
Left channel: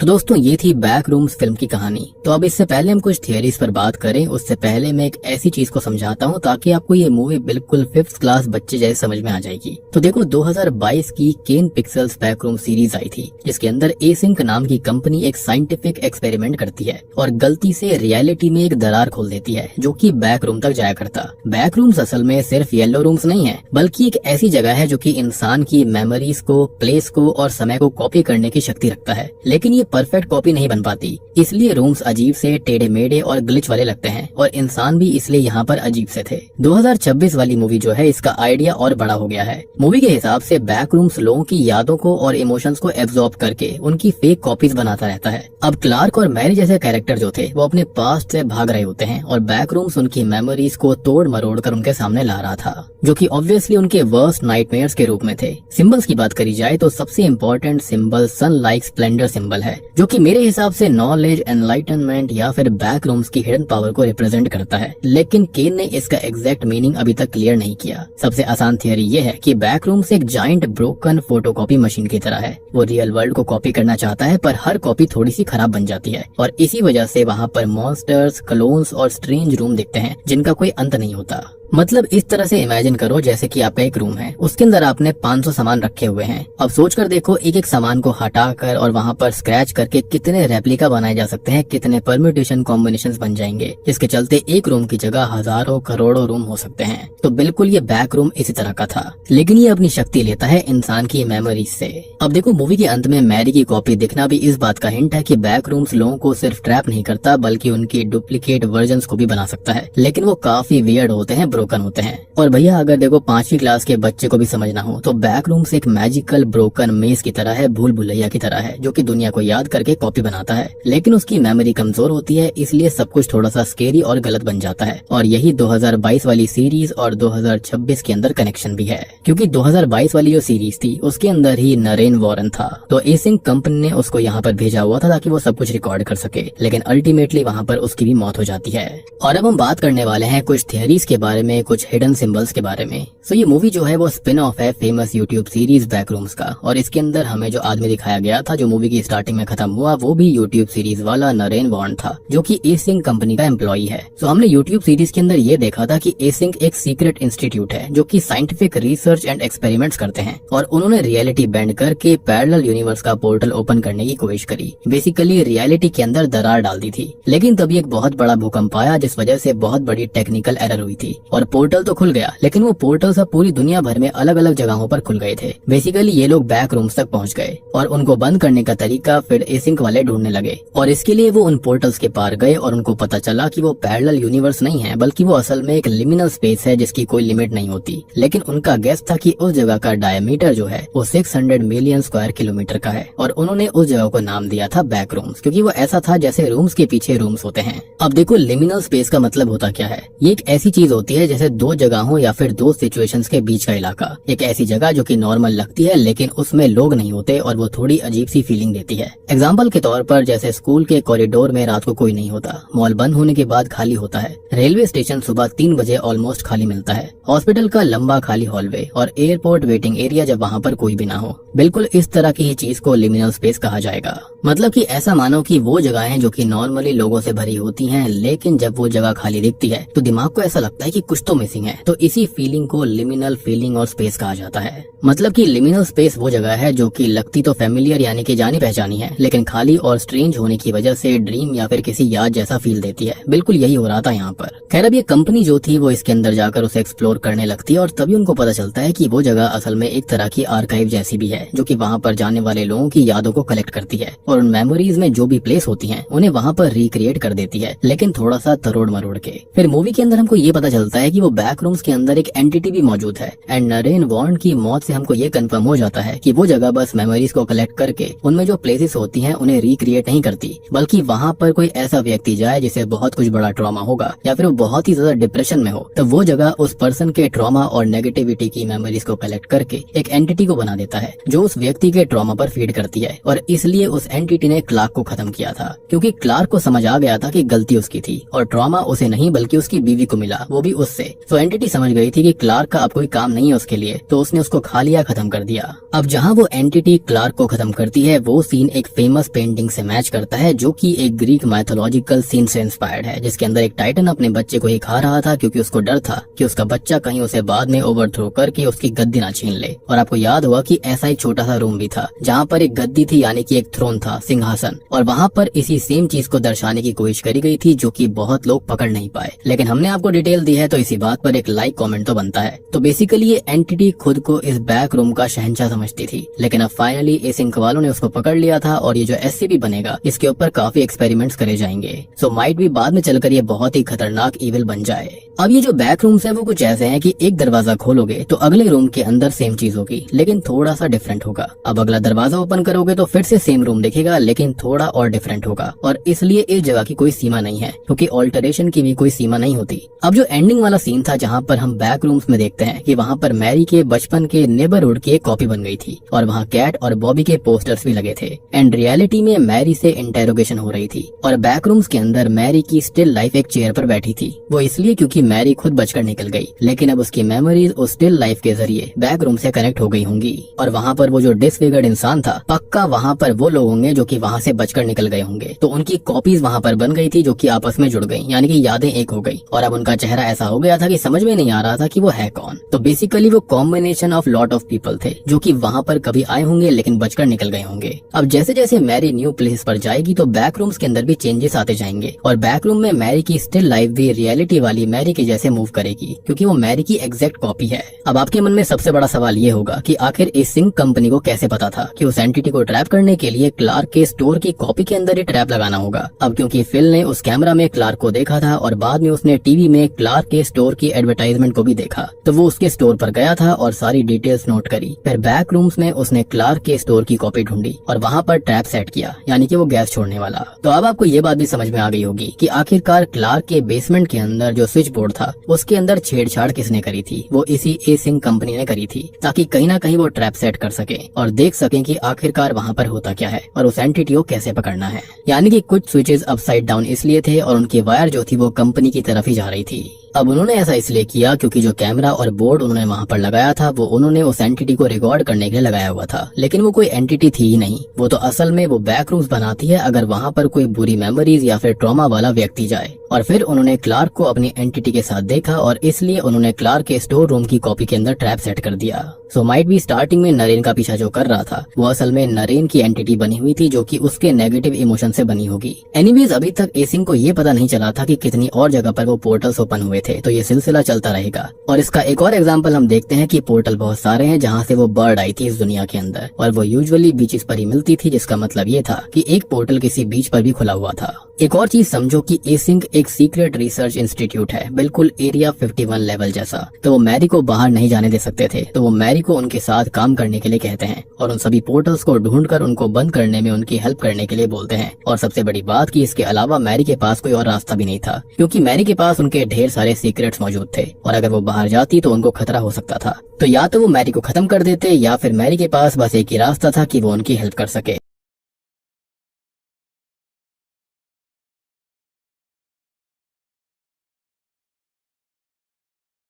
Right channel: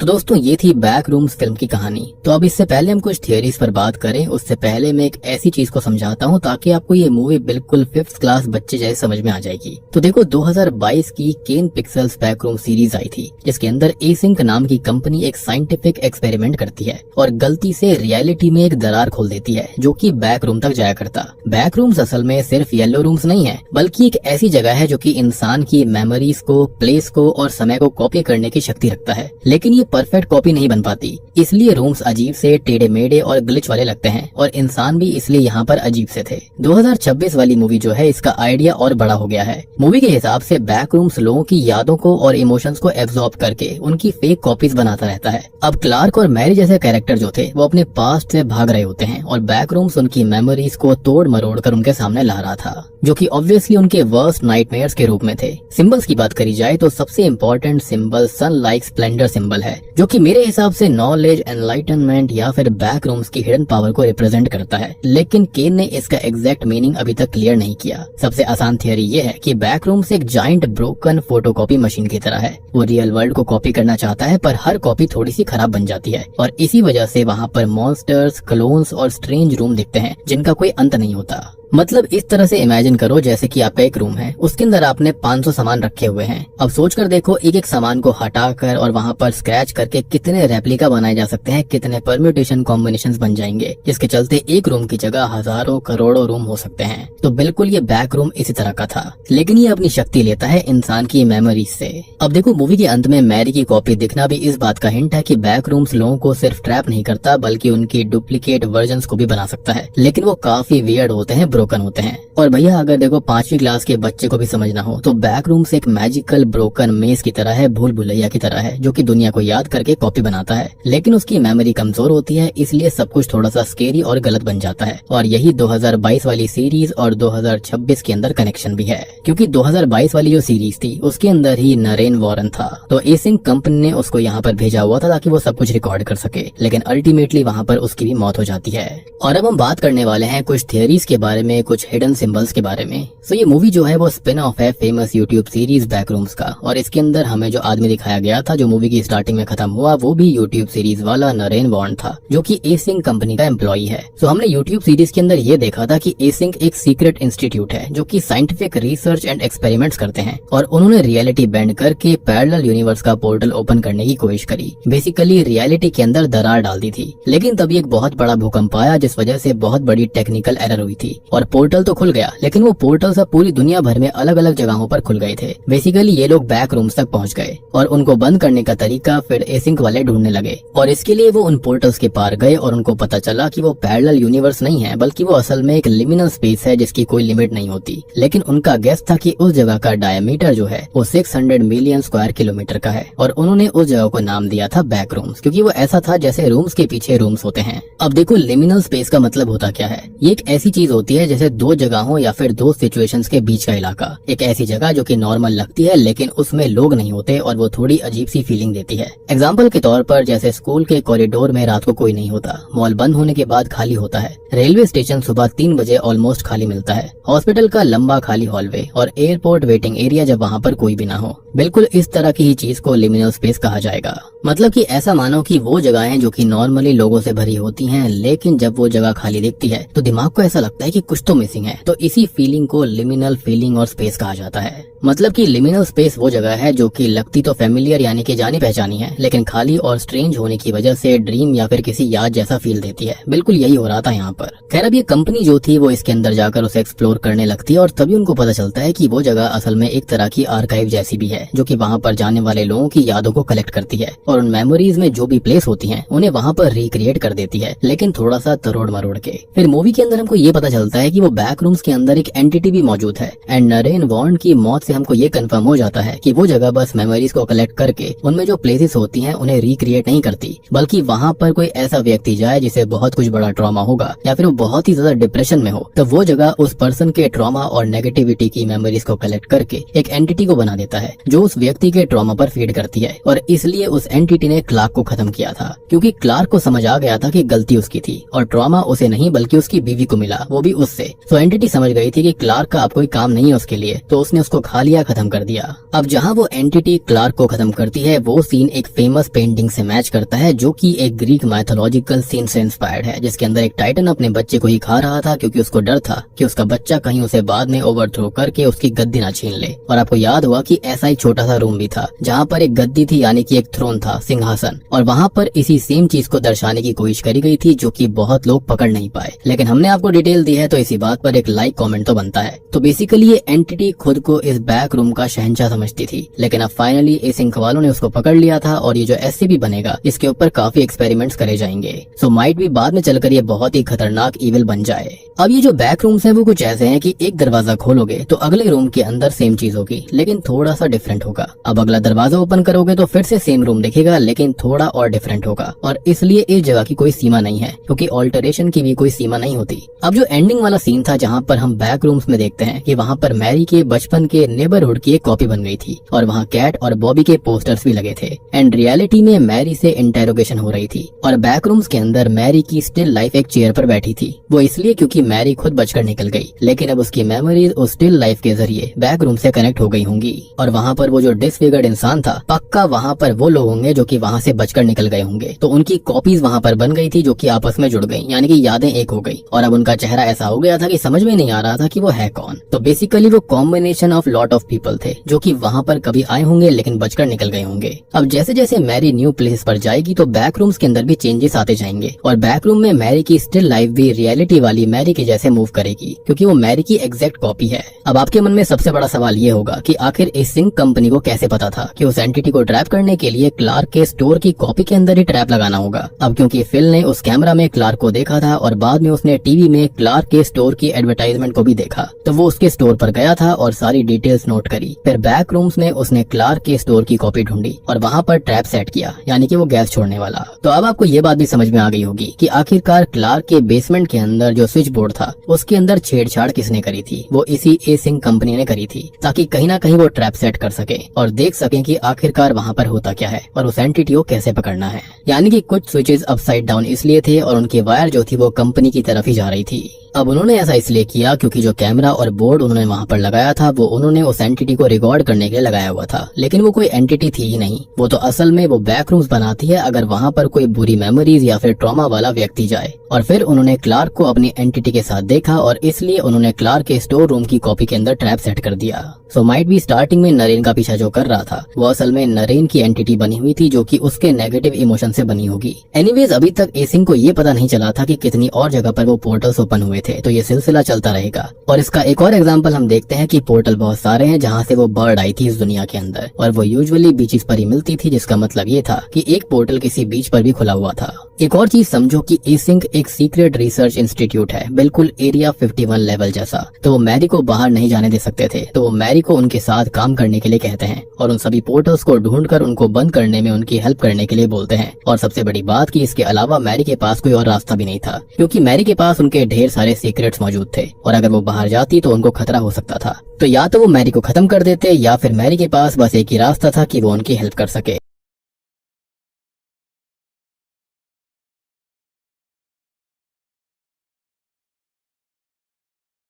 तो दोस्तों ये थी बैक रूम्स फिल्म की कहानी। तो अब इससे पहले हम कुछ थियरीज पर बात करें, उससे पहले मैं एक ऐसी चीज को समझाता हूँ ताकि आपको ये मूवी बिल्कुल 5th क्लास बच्चे जैसे समझ में आ जाएगी। तो देखो 2022 की केन पिक्सेल्स बैक रूम सीरीज आई थी, जिसके अंदर एसिंक नाम की कंपनी एक साइंटिफिक एक्सपेरिमेंट करती है और गलती से रियलिटी में एक दरार खोल देती है जो कि बैक रूम तक जाया करता। बैक रूम्स असल में सिर्फ येलो रूम्स नहीं है, बल्कि एक ऐसी जगह है जो कि इंसान की मेमोरीज को, प्लेस को और समय को कॉपी करने की शक्ति रखता है। लेकिन ये परफेक्ट कॉपी नहीं बन पाती, इसलिए रूम्स अजीब से टेढ़े मेढ़े और ग्लिच वाले लगते हैं और इंसान भी इसलिए यहाँ पर अजीब से थे। 2026 वाली मूवी जो है इसका आइडिया और बड़ा हो गया है। मूवी के हिसाब से बैक रूम्स लोगों की यादों को और इमोशंस को एब्जॉर्ब करके उनकी फेक कॉपीज बनाता रहता है। अब क्लार्क और मैरी जैसे कैरेक्टर जो थे वो अपने पास्ट से भाग रहे होते हैं और बैक रूम्स उनकी मेमोरीज को तोड़ मरोड़ कर उनके सामने ला रहा था, जो कि ऑब्वियसली उनके वर्स्ट नाइटमेयर्स के रूप में थे। सिंबल्स की बात करी जाए तो सबसे इम्पोर्टेंट सिंबल सन लाइक स्प्लेंडर सिंबल है, जो कि मेरे हिसाब से नॉलेज, एनलाइटनमेंट या फिर बैक रूम्स की हिडन पावर को रिप्रेजेंट करता है। लेकिन केन ने इसका एग्जैक्ट मीनिंग अभी तक क्लियर नहीं किया। सबसे आसान थियरी ये है कि बैक रूम्स एक जाइंट ब्रोकन फोटोकॉपी मशीन की तरह है। वो रियल वर्ल्ड को कॉपी करना चाहता है पर हर कॉपी थोड़ी सी खराब बन जाती है और इसी वजह से वहाँ पर मॉन्स्टर्स, क्लोन्स और स्ट्रेंज रूम दिखते हैं जिनका कोई अंत नहीं होता। मतलब इस तरह से इमेजिन करो जैसे कि आपका एक रूम है, उसके अंदर आपने 500 सामान रखे हुए हैं। अब सोच कर देखो एक एक सामान को हटाकर और वहाँ पर स्क्रैच करके कितने रेप्लिका बनाए जा सकते हैं, कितने परम्यूटेशन कॉम्बिनेशंस बन जाएंगे, जिसके चलते एक रूम की जगह हजारों करोड़ों रूम हो सकते हैं। तो बिल्कुल ये बैक रूम इसी तरह का था, लेकिन ये अपनी शक्ति लेता है इंसान की मेमोरीज से। अब देखो मूवी के अंत में मैरी की कॉपी दिखना भी इस बात का हिंट है कि बैक रूम्स लोगों को सिर्फ ट्रैप नहीं करता बल्कि उनकी डुप्लीकेट वर्जन्स को भी बना सकता है, लेकिन वो काफी वियर्ड होते हैं, ब्रोकन होते हैं। और भैया अगर देखो 5वीं क्लास के बच्चे को भी समझना हो तो बैक रूम्स एक मैजिकल ब्रोकन मेज की तरह है, भूल भुलैया की तरह है, जो कि दुनिया को याद करके कॉपी बनाता है, लेकिन उसकी मेमोरी कमजोर होती है, इसलिए सब कुछ थोड़ा सा स्केरी और गलत बन जाता है। और यही 2022 वाली सीरीज और 2026 के अंदर कनेक्शन भी है, क्योंकि 2022 वाली जो सीरीज थी उसके अंदर ही नरेन वॉरेन था। तो एसिंक कंपनी ने उसको यहाँ पर भेजा हुआ था ताकि वो सब कुछ रिकॉर्ड कर सके, लेकिन अल्टीमेटली वहाँ पर उसकी भी मौत हो जाती है। और अब हम बात करने वाले हैं कुछ थियरीज के बारे में, कुछ हिडन सिंबल्स के बारे में। सो ये मूवी जो है वो स्पिन ऑफ है famous YouTube series back rooms का, और इसके अंदर हमें जो आदमी दिखाया गया था जो मूवी की स्टार्टिंग में खत्म हुआ वो भी यूट्यूब सीरीज वाला नरेन वॉर्न था, जो कि एसिंक कंपनी का एम्प्लॉई है। सो हमने यूट्यूब सीरीज के अंदर ये देखा था कि एसिंक एक सीक्रेट इंस्टीट्यूट है जो कि साइंटिफिक रिसर्च एंड एक्सपेरिमेंट्स करते हैं, और उन्होंने रियलिटी बेंड करके पैरेलल यूनिवर्स का पोर्टल ओपन करने की कोशिश करी। बेसिकली रियलिटी के अंदर दरार डाल दी थी, लेकिन तभी एक बहुत बड़ा भूकंप आया जिस वजह से बहुत बड़ी टेक्निकल एरर हुई थी और पोर्टल तो खुल गया, लेकिन वो पोर्टल सब पूरी दुनिया भर में अलग अलग जगहों पर खुल गए थे। बेसिकली ये लोग बैक रूम्स तक पहुंच गए और उनको बंद करने का तरीका फिर एसिंक वाले ढूंढने लगे, और इसके लिए वो उन पोर्टल्स के पार गए और उनको पता चला कि वो पैरेलल यूनिवर्स नहीं है बल्कि वो असल में एक लिमिनल स्पेस है जिसकी कोई लिमिट नहीं होती। लेकिन उनका गेस था कि उस जगह का डायमीटर जो है वो 600 मिलियन स्क्वायर किलोमीटर का है, और उन्होंने उस जगह को नाम दिया था बैक रूम्स, क्योंकि वो ऐसा था जैसे रूम्स के पीछे रूम्स होते हैं। अब देखो लिमिनल स्पेस का मतलब होता क्या है। ये एक ऐसी चीज होती है जैसे दो जगहों या फिर दो सिचुएशंस के बीच का इलाका, एक ऐसी जगह जो कि नॉर्मल लगती है लेकिन उसमें लोग नहीं होते और वो थोड़ी अजीब सी फीलिंग देती है। एग्जाम्पल के तौर पर जैसे स्कूल के कॉरिडोर में रात को कोई नहीं होता, मॉल बंद होने के बाद खाली होता है, रेलवे स्टेशन सुबह 3 बजे ऑलमोस्ट खाली मिलता है, हॉस्पिटल का लंबा खाली हॉलवे और एयरपोर्ट वेटिंग एरिया जब वहाँ पर कोई भी ना हो। बिल्कुल इस तरह की चीज को लिमिनल स्पेस कहा जाएगा। मतलब कि ऐसा मानो कि वो जगहें जो कि नॉर्मली लोगों से भरी होती हैं, लेकिन जब वो जगह खाली दिखती है तो दिमाग को ऐसा लगता है कि कुछ तो मिसिंग है, तो इसी फीलिंग को लिमिनल फीलिंग और स्पेस कहा जाता है। मतलब कि लिमिनल स्पेस वो जगह है जो कि लगती तो फेमिलियर यानी कि जानी पहचानी है, लेकिन खाली और स्ट्रेंज होने की वजह से ड्रीम या फिर किसी याद जैसा फील देती है। बिल्कुल यही हो रहा था यहाँ पर। खैर अब ये कंपनी जो थी वो इसके अंदर जाकर उसे एक्सप्लोर करने लगती है और तभी उनको पता चलता है कि वो जगह असल में एक तरह की आर्काइव जैसी भी है, जो कि वहाँ पर जाने वाले लोगों की यादों को कलेक्ट करती है और उन मेमोरीज में जो भी प्लेस होती हैं उन्हें वहाँ पर रिक्रिएट कर देती है, लेकिन थोड़ा सा तरोड़ मरोड़ के। फिर मूवी के अंदर हमको ये पता चलता है कि वो बैक रूम्स के अंदर एक एंटिटी भी मौजूद है एंड नरेन वॉर्न की मौत से हमको ये कंफर्म हो जाता है कि वो जगह बस मेमोरीज को कलेक्ट करके उनमें जो प्लेसेस होती हैं उन्हें रिक्रिएट नहीं करती, बल्कि वहाँ पर कोई ऐसा व्यक्ति जाए जिसे बहुत कुछ बड़ा ट्रॉमा होगा या फिर वो बहुत ही ज्यादा डिप्रेशन में हो, तो वो जगह उस पर्सन के ट्रॉमा और नेगेटिविटी की मेमोरीज को कलेक्ट करके एक एंटिटी को बना देता है जो उस व्यक्ति के ट्रॉमा पर फीड करती है। और इसलिए उस एंटिटी ने क्लार्क को खत्म किया था, क्योंकि क्लार्क को समझ आ गया था कि गलती उसकी थी और ट्रॉमा उसे नहीं बल्कि उसकी बीवी को मिला, वो भी उससे। तो एंटिटी समझ गई थी कि क्लार्क का अब कोई काम नहीं है उसके लिए, तो उसने उसको खा लिया, खत्म कर दिया। अब जहाँ वो एंटिटी क्लार्क को खत्म करती है वो सीन एक फेमस पेंटिंग से मैच करता है जो कि एक ग्रीक माइथोलॉजिकल सीन से इंस्पायर्ड है, जिसके अंदर एक टाइटन अपने बच्चे को ही खा रहा था क्योंकि उसको डर था कि उसका बच्चा कहीं उसे बाद में ओवरथ्रो करके उसकी गद्दी ना छीन ले। और आपको याद हुआ कि ऐसा एक छोटा सा रूम भी था जहाँ पर एक गद्दी थी, यानी कि एक थ्रोन था, सिंहासन, और वहाँ पर इसी सेम चीज को दर्शाने की कोशिश करी गई थी जो कि बहुत लोग पकड़ नहीं पाए। लेकिन हमने आपको डिटेल दी है तो इसी बात पर एक लाइक कमेंट तो बनता है। तो बेसिकली ये एंटिटी खुद को इस बैक रूम का शहंशाह समझती थी, लेकिन अब फाइनली इस इंक वालों ने उसको पकड़ लिया था और ये जो एससीपी बनेगा इसके ऊपर काफी एक्सपेरिमेंट्स करे जाएंगे। सो माइट भी बाद में चलकर ये बहुत ही खतरनाक इविल बन जाए। अब ये जो बैक रूम्स है वो कुछ ऐसे हैं कि एक दरवाजा खोलोगे तो अगले रूम के अंदर सेम चीज होगी लेकिन थोड़ा सा डिफरेंट होगा। अब अगला दरवाजा ओपन करोगे तो फिर से सेम रूम दिखेगा लेकिन थोड़ा और डिफरेंट होगा। और इसलिए इस जगह की कोई सीमा नहीं है, क्योंकि ऑल्टरेशन की भी कोई सीमा नहीं होती। अब जो एंडिंग वाला सीन था जहाँ पर हम बैक रूम्स में देखते हैं कि वहाँ पर मैरी के बचपन के नेबरहुड की एक कॉपी बन गई थी और वहाँ कैट और बॉबी के पोस्टर्स भी लगे थे एंड रियलिटी में मैरी से इंटेरोगेशन हो रही थी। और बैक रूम्स के अंदर मैरी की स्टिल लाइफ एक चेयर पर बैठी थी, वो इसलिए क्योंकि मैरी खुद बचकर निकल गई, लेकिन अब उसकी मेमोरीज उस स्टिल लाइफ के जरिए बैक रूम से कनेक्ट हो गई होंगी। और वहाँ पर वो जो डिसफिगर्ड इंसान था, पक्का वहाँ पर वो लोग होंगे जो कि वहाँ से बचकर निकल गए होंगे। तो उनकी कॉपीज वहाँ पर बन गई थी जो कि आपस में जुड़ गई, यानी कि यादें एक हो गई। और अब उनका चेहरा ऐसा हो गया था कि समझ में नहीं आ रहा था कि वो है कौन। तो बेसिकली वो combination of lot of people थे जो कि वहाँ पर कभी आए होंगे लेकिन बचकर निकल गए होंगे। अब जैसे जैसे मैरी न्यू प्लेस पर जाएगी तो बैक रूम्स के अंदर भी चेंजेस आते जाएंगे और बैक रूम में मैरी की स्टिल लाइफ भी रियलिटी वाली मैरी के जैसे मूव करेगी, क्योंकि वो मैरी की एग्जैक्ट कॉपी है। अब आपके मन में सबसे बड़ा सवाल ये होगा कि आखिर इस सिंक कंपनी को कैसे पता था कि उस एंटिटी को ट्रैप करने के लिए क्लार्क के स्टोर की कॉपी के अंदर ही ट्रैप लगाना होगा। अब क्योंकि फिल ने उस कैमरा में क्लार्क को देखा था और बाद में उसने टीवी में क्लार्क के स्टोर की एडवर्टाइजमेंट को भी देखा, तो वो उसके स्टोर पर गया था और सारी डिटेल्स नोट करी। फिर बैक रूम्स में उसने क्लार्क के स्टोर की कॉपी ढूंढी और वहाँ पर ट्रैप सेट किया, यानी कि वो गैस छोड़ने वाला। तो अब आपको ये बात भी समझ में आ गई होगी कि आखिरकार क्लार्क के बेसमेंट के अंदर जो स्विच बोर्ड था उसके अंदर छेड़छाड़ किसने करी थी। वो इसी ए सिंक कंपनी ने करी थी, ताकि कहीं ना कहीं वो ट्रैप सेट कर सके और देख सके कि आखिरकार वहाँ पर होता क्या है और उस एंटिटी को कैसे पकड़ना है। यानी कि कुछ स्विचेस अपसाइड डाउन इसलिए थे और उनकी वायर जो थी वो कंपनी की तरफ ही जा रही थी। अब उन्होंने ऐसा इसलिए किया क्योंकि जो कैमरा और बोर्ड उन्होंने वहाँ पर लगाया था वो उन्होंने उस एंटिटी को रिकॉर्ड करने के लिए लगाया हुआ था, लेकिन वो कोई एंटिटी थी ही नहीं। वो तो असल में वो बैक रूम्स बनाती है अगर वहाँ पर कोई बुरी मेमोरीज या फिर ट्रॉमा वाला व्यक्ति जाए। और फिर उन्होंने क्लार्क को अपनी एंटिटी के साथ देखा और इसलिए उन्होंने क्लार्क के स्टोर रूम की कॉपी के अंदर ट्रैप सेट कर दिया। सो माइट भी स्टार्टिंग में नरेन का पीछा जो कर रहा था वो असल में नरेन की एंटिटी बनी हुई थी जो कि उसके नेगेटिव इमोशन से बनी होगी। एनीवेज अभी तक एसिंग को ये पता नहीं चला था कि कितनी और जगह पर वो पोर्टल्स ओपन हुए थे, तो ये सिलसिला चलता रहेगा। और इसका एक और एग्जांपल हम देखते हैं कि पोर्टल बहुत सारे हैं जहाँ से वो बर्ड आई थी इस दुनिया के अंदर, और वो यूजुअली बीचेस पर ही मिलती थी, जिसका मतलब ये था कि एक पोर्टल किसी बीच पर भी खुला हुआ था। एक और चीज समझो कि एसिंग एक सीक्रेट रिसर्च इंस्टीट्यूट है, बिल्कुल एरिया 51 लेवल जैसा। तो वो मैरी को बाहर नहीं जाने दे सकते थे, तो वो मैरी को उनके साथ काम करने के लिए कहते हैं और उन सभी पोर्टल्स को ढूंढकर उनको बंद करने में उनकी हेल्प करने के लिए बोलते हैं। और सबसे बड़ी बात कि इसके अलावा मैरी के पास कोई और रास्ता भी नहीं था, क्योंकि मैरी के पास उनके ढेर सारे सीक्रेट्स मौजूद थे और अगर वो बाहर जाती तो उनको खतरा हो सकता था। तो या तो वो मैरी को खत्म कर देते या फिर मैरी के पास बस एक ही रास्ता था कि वो उनकी हेल्प कर सके।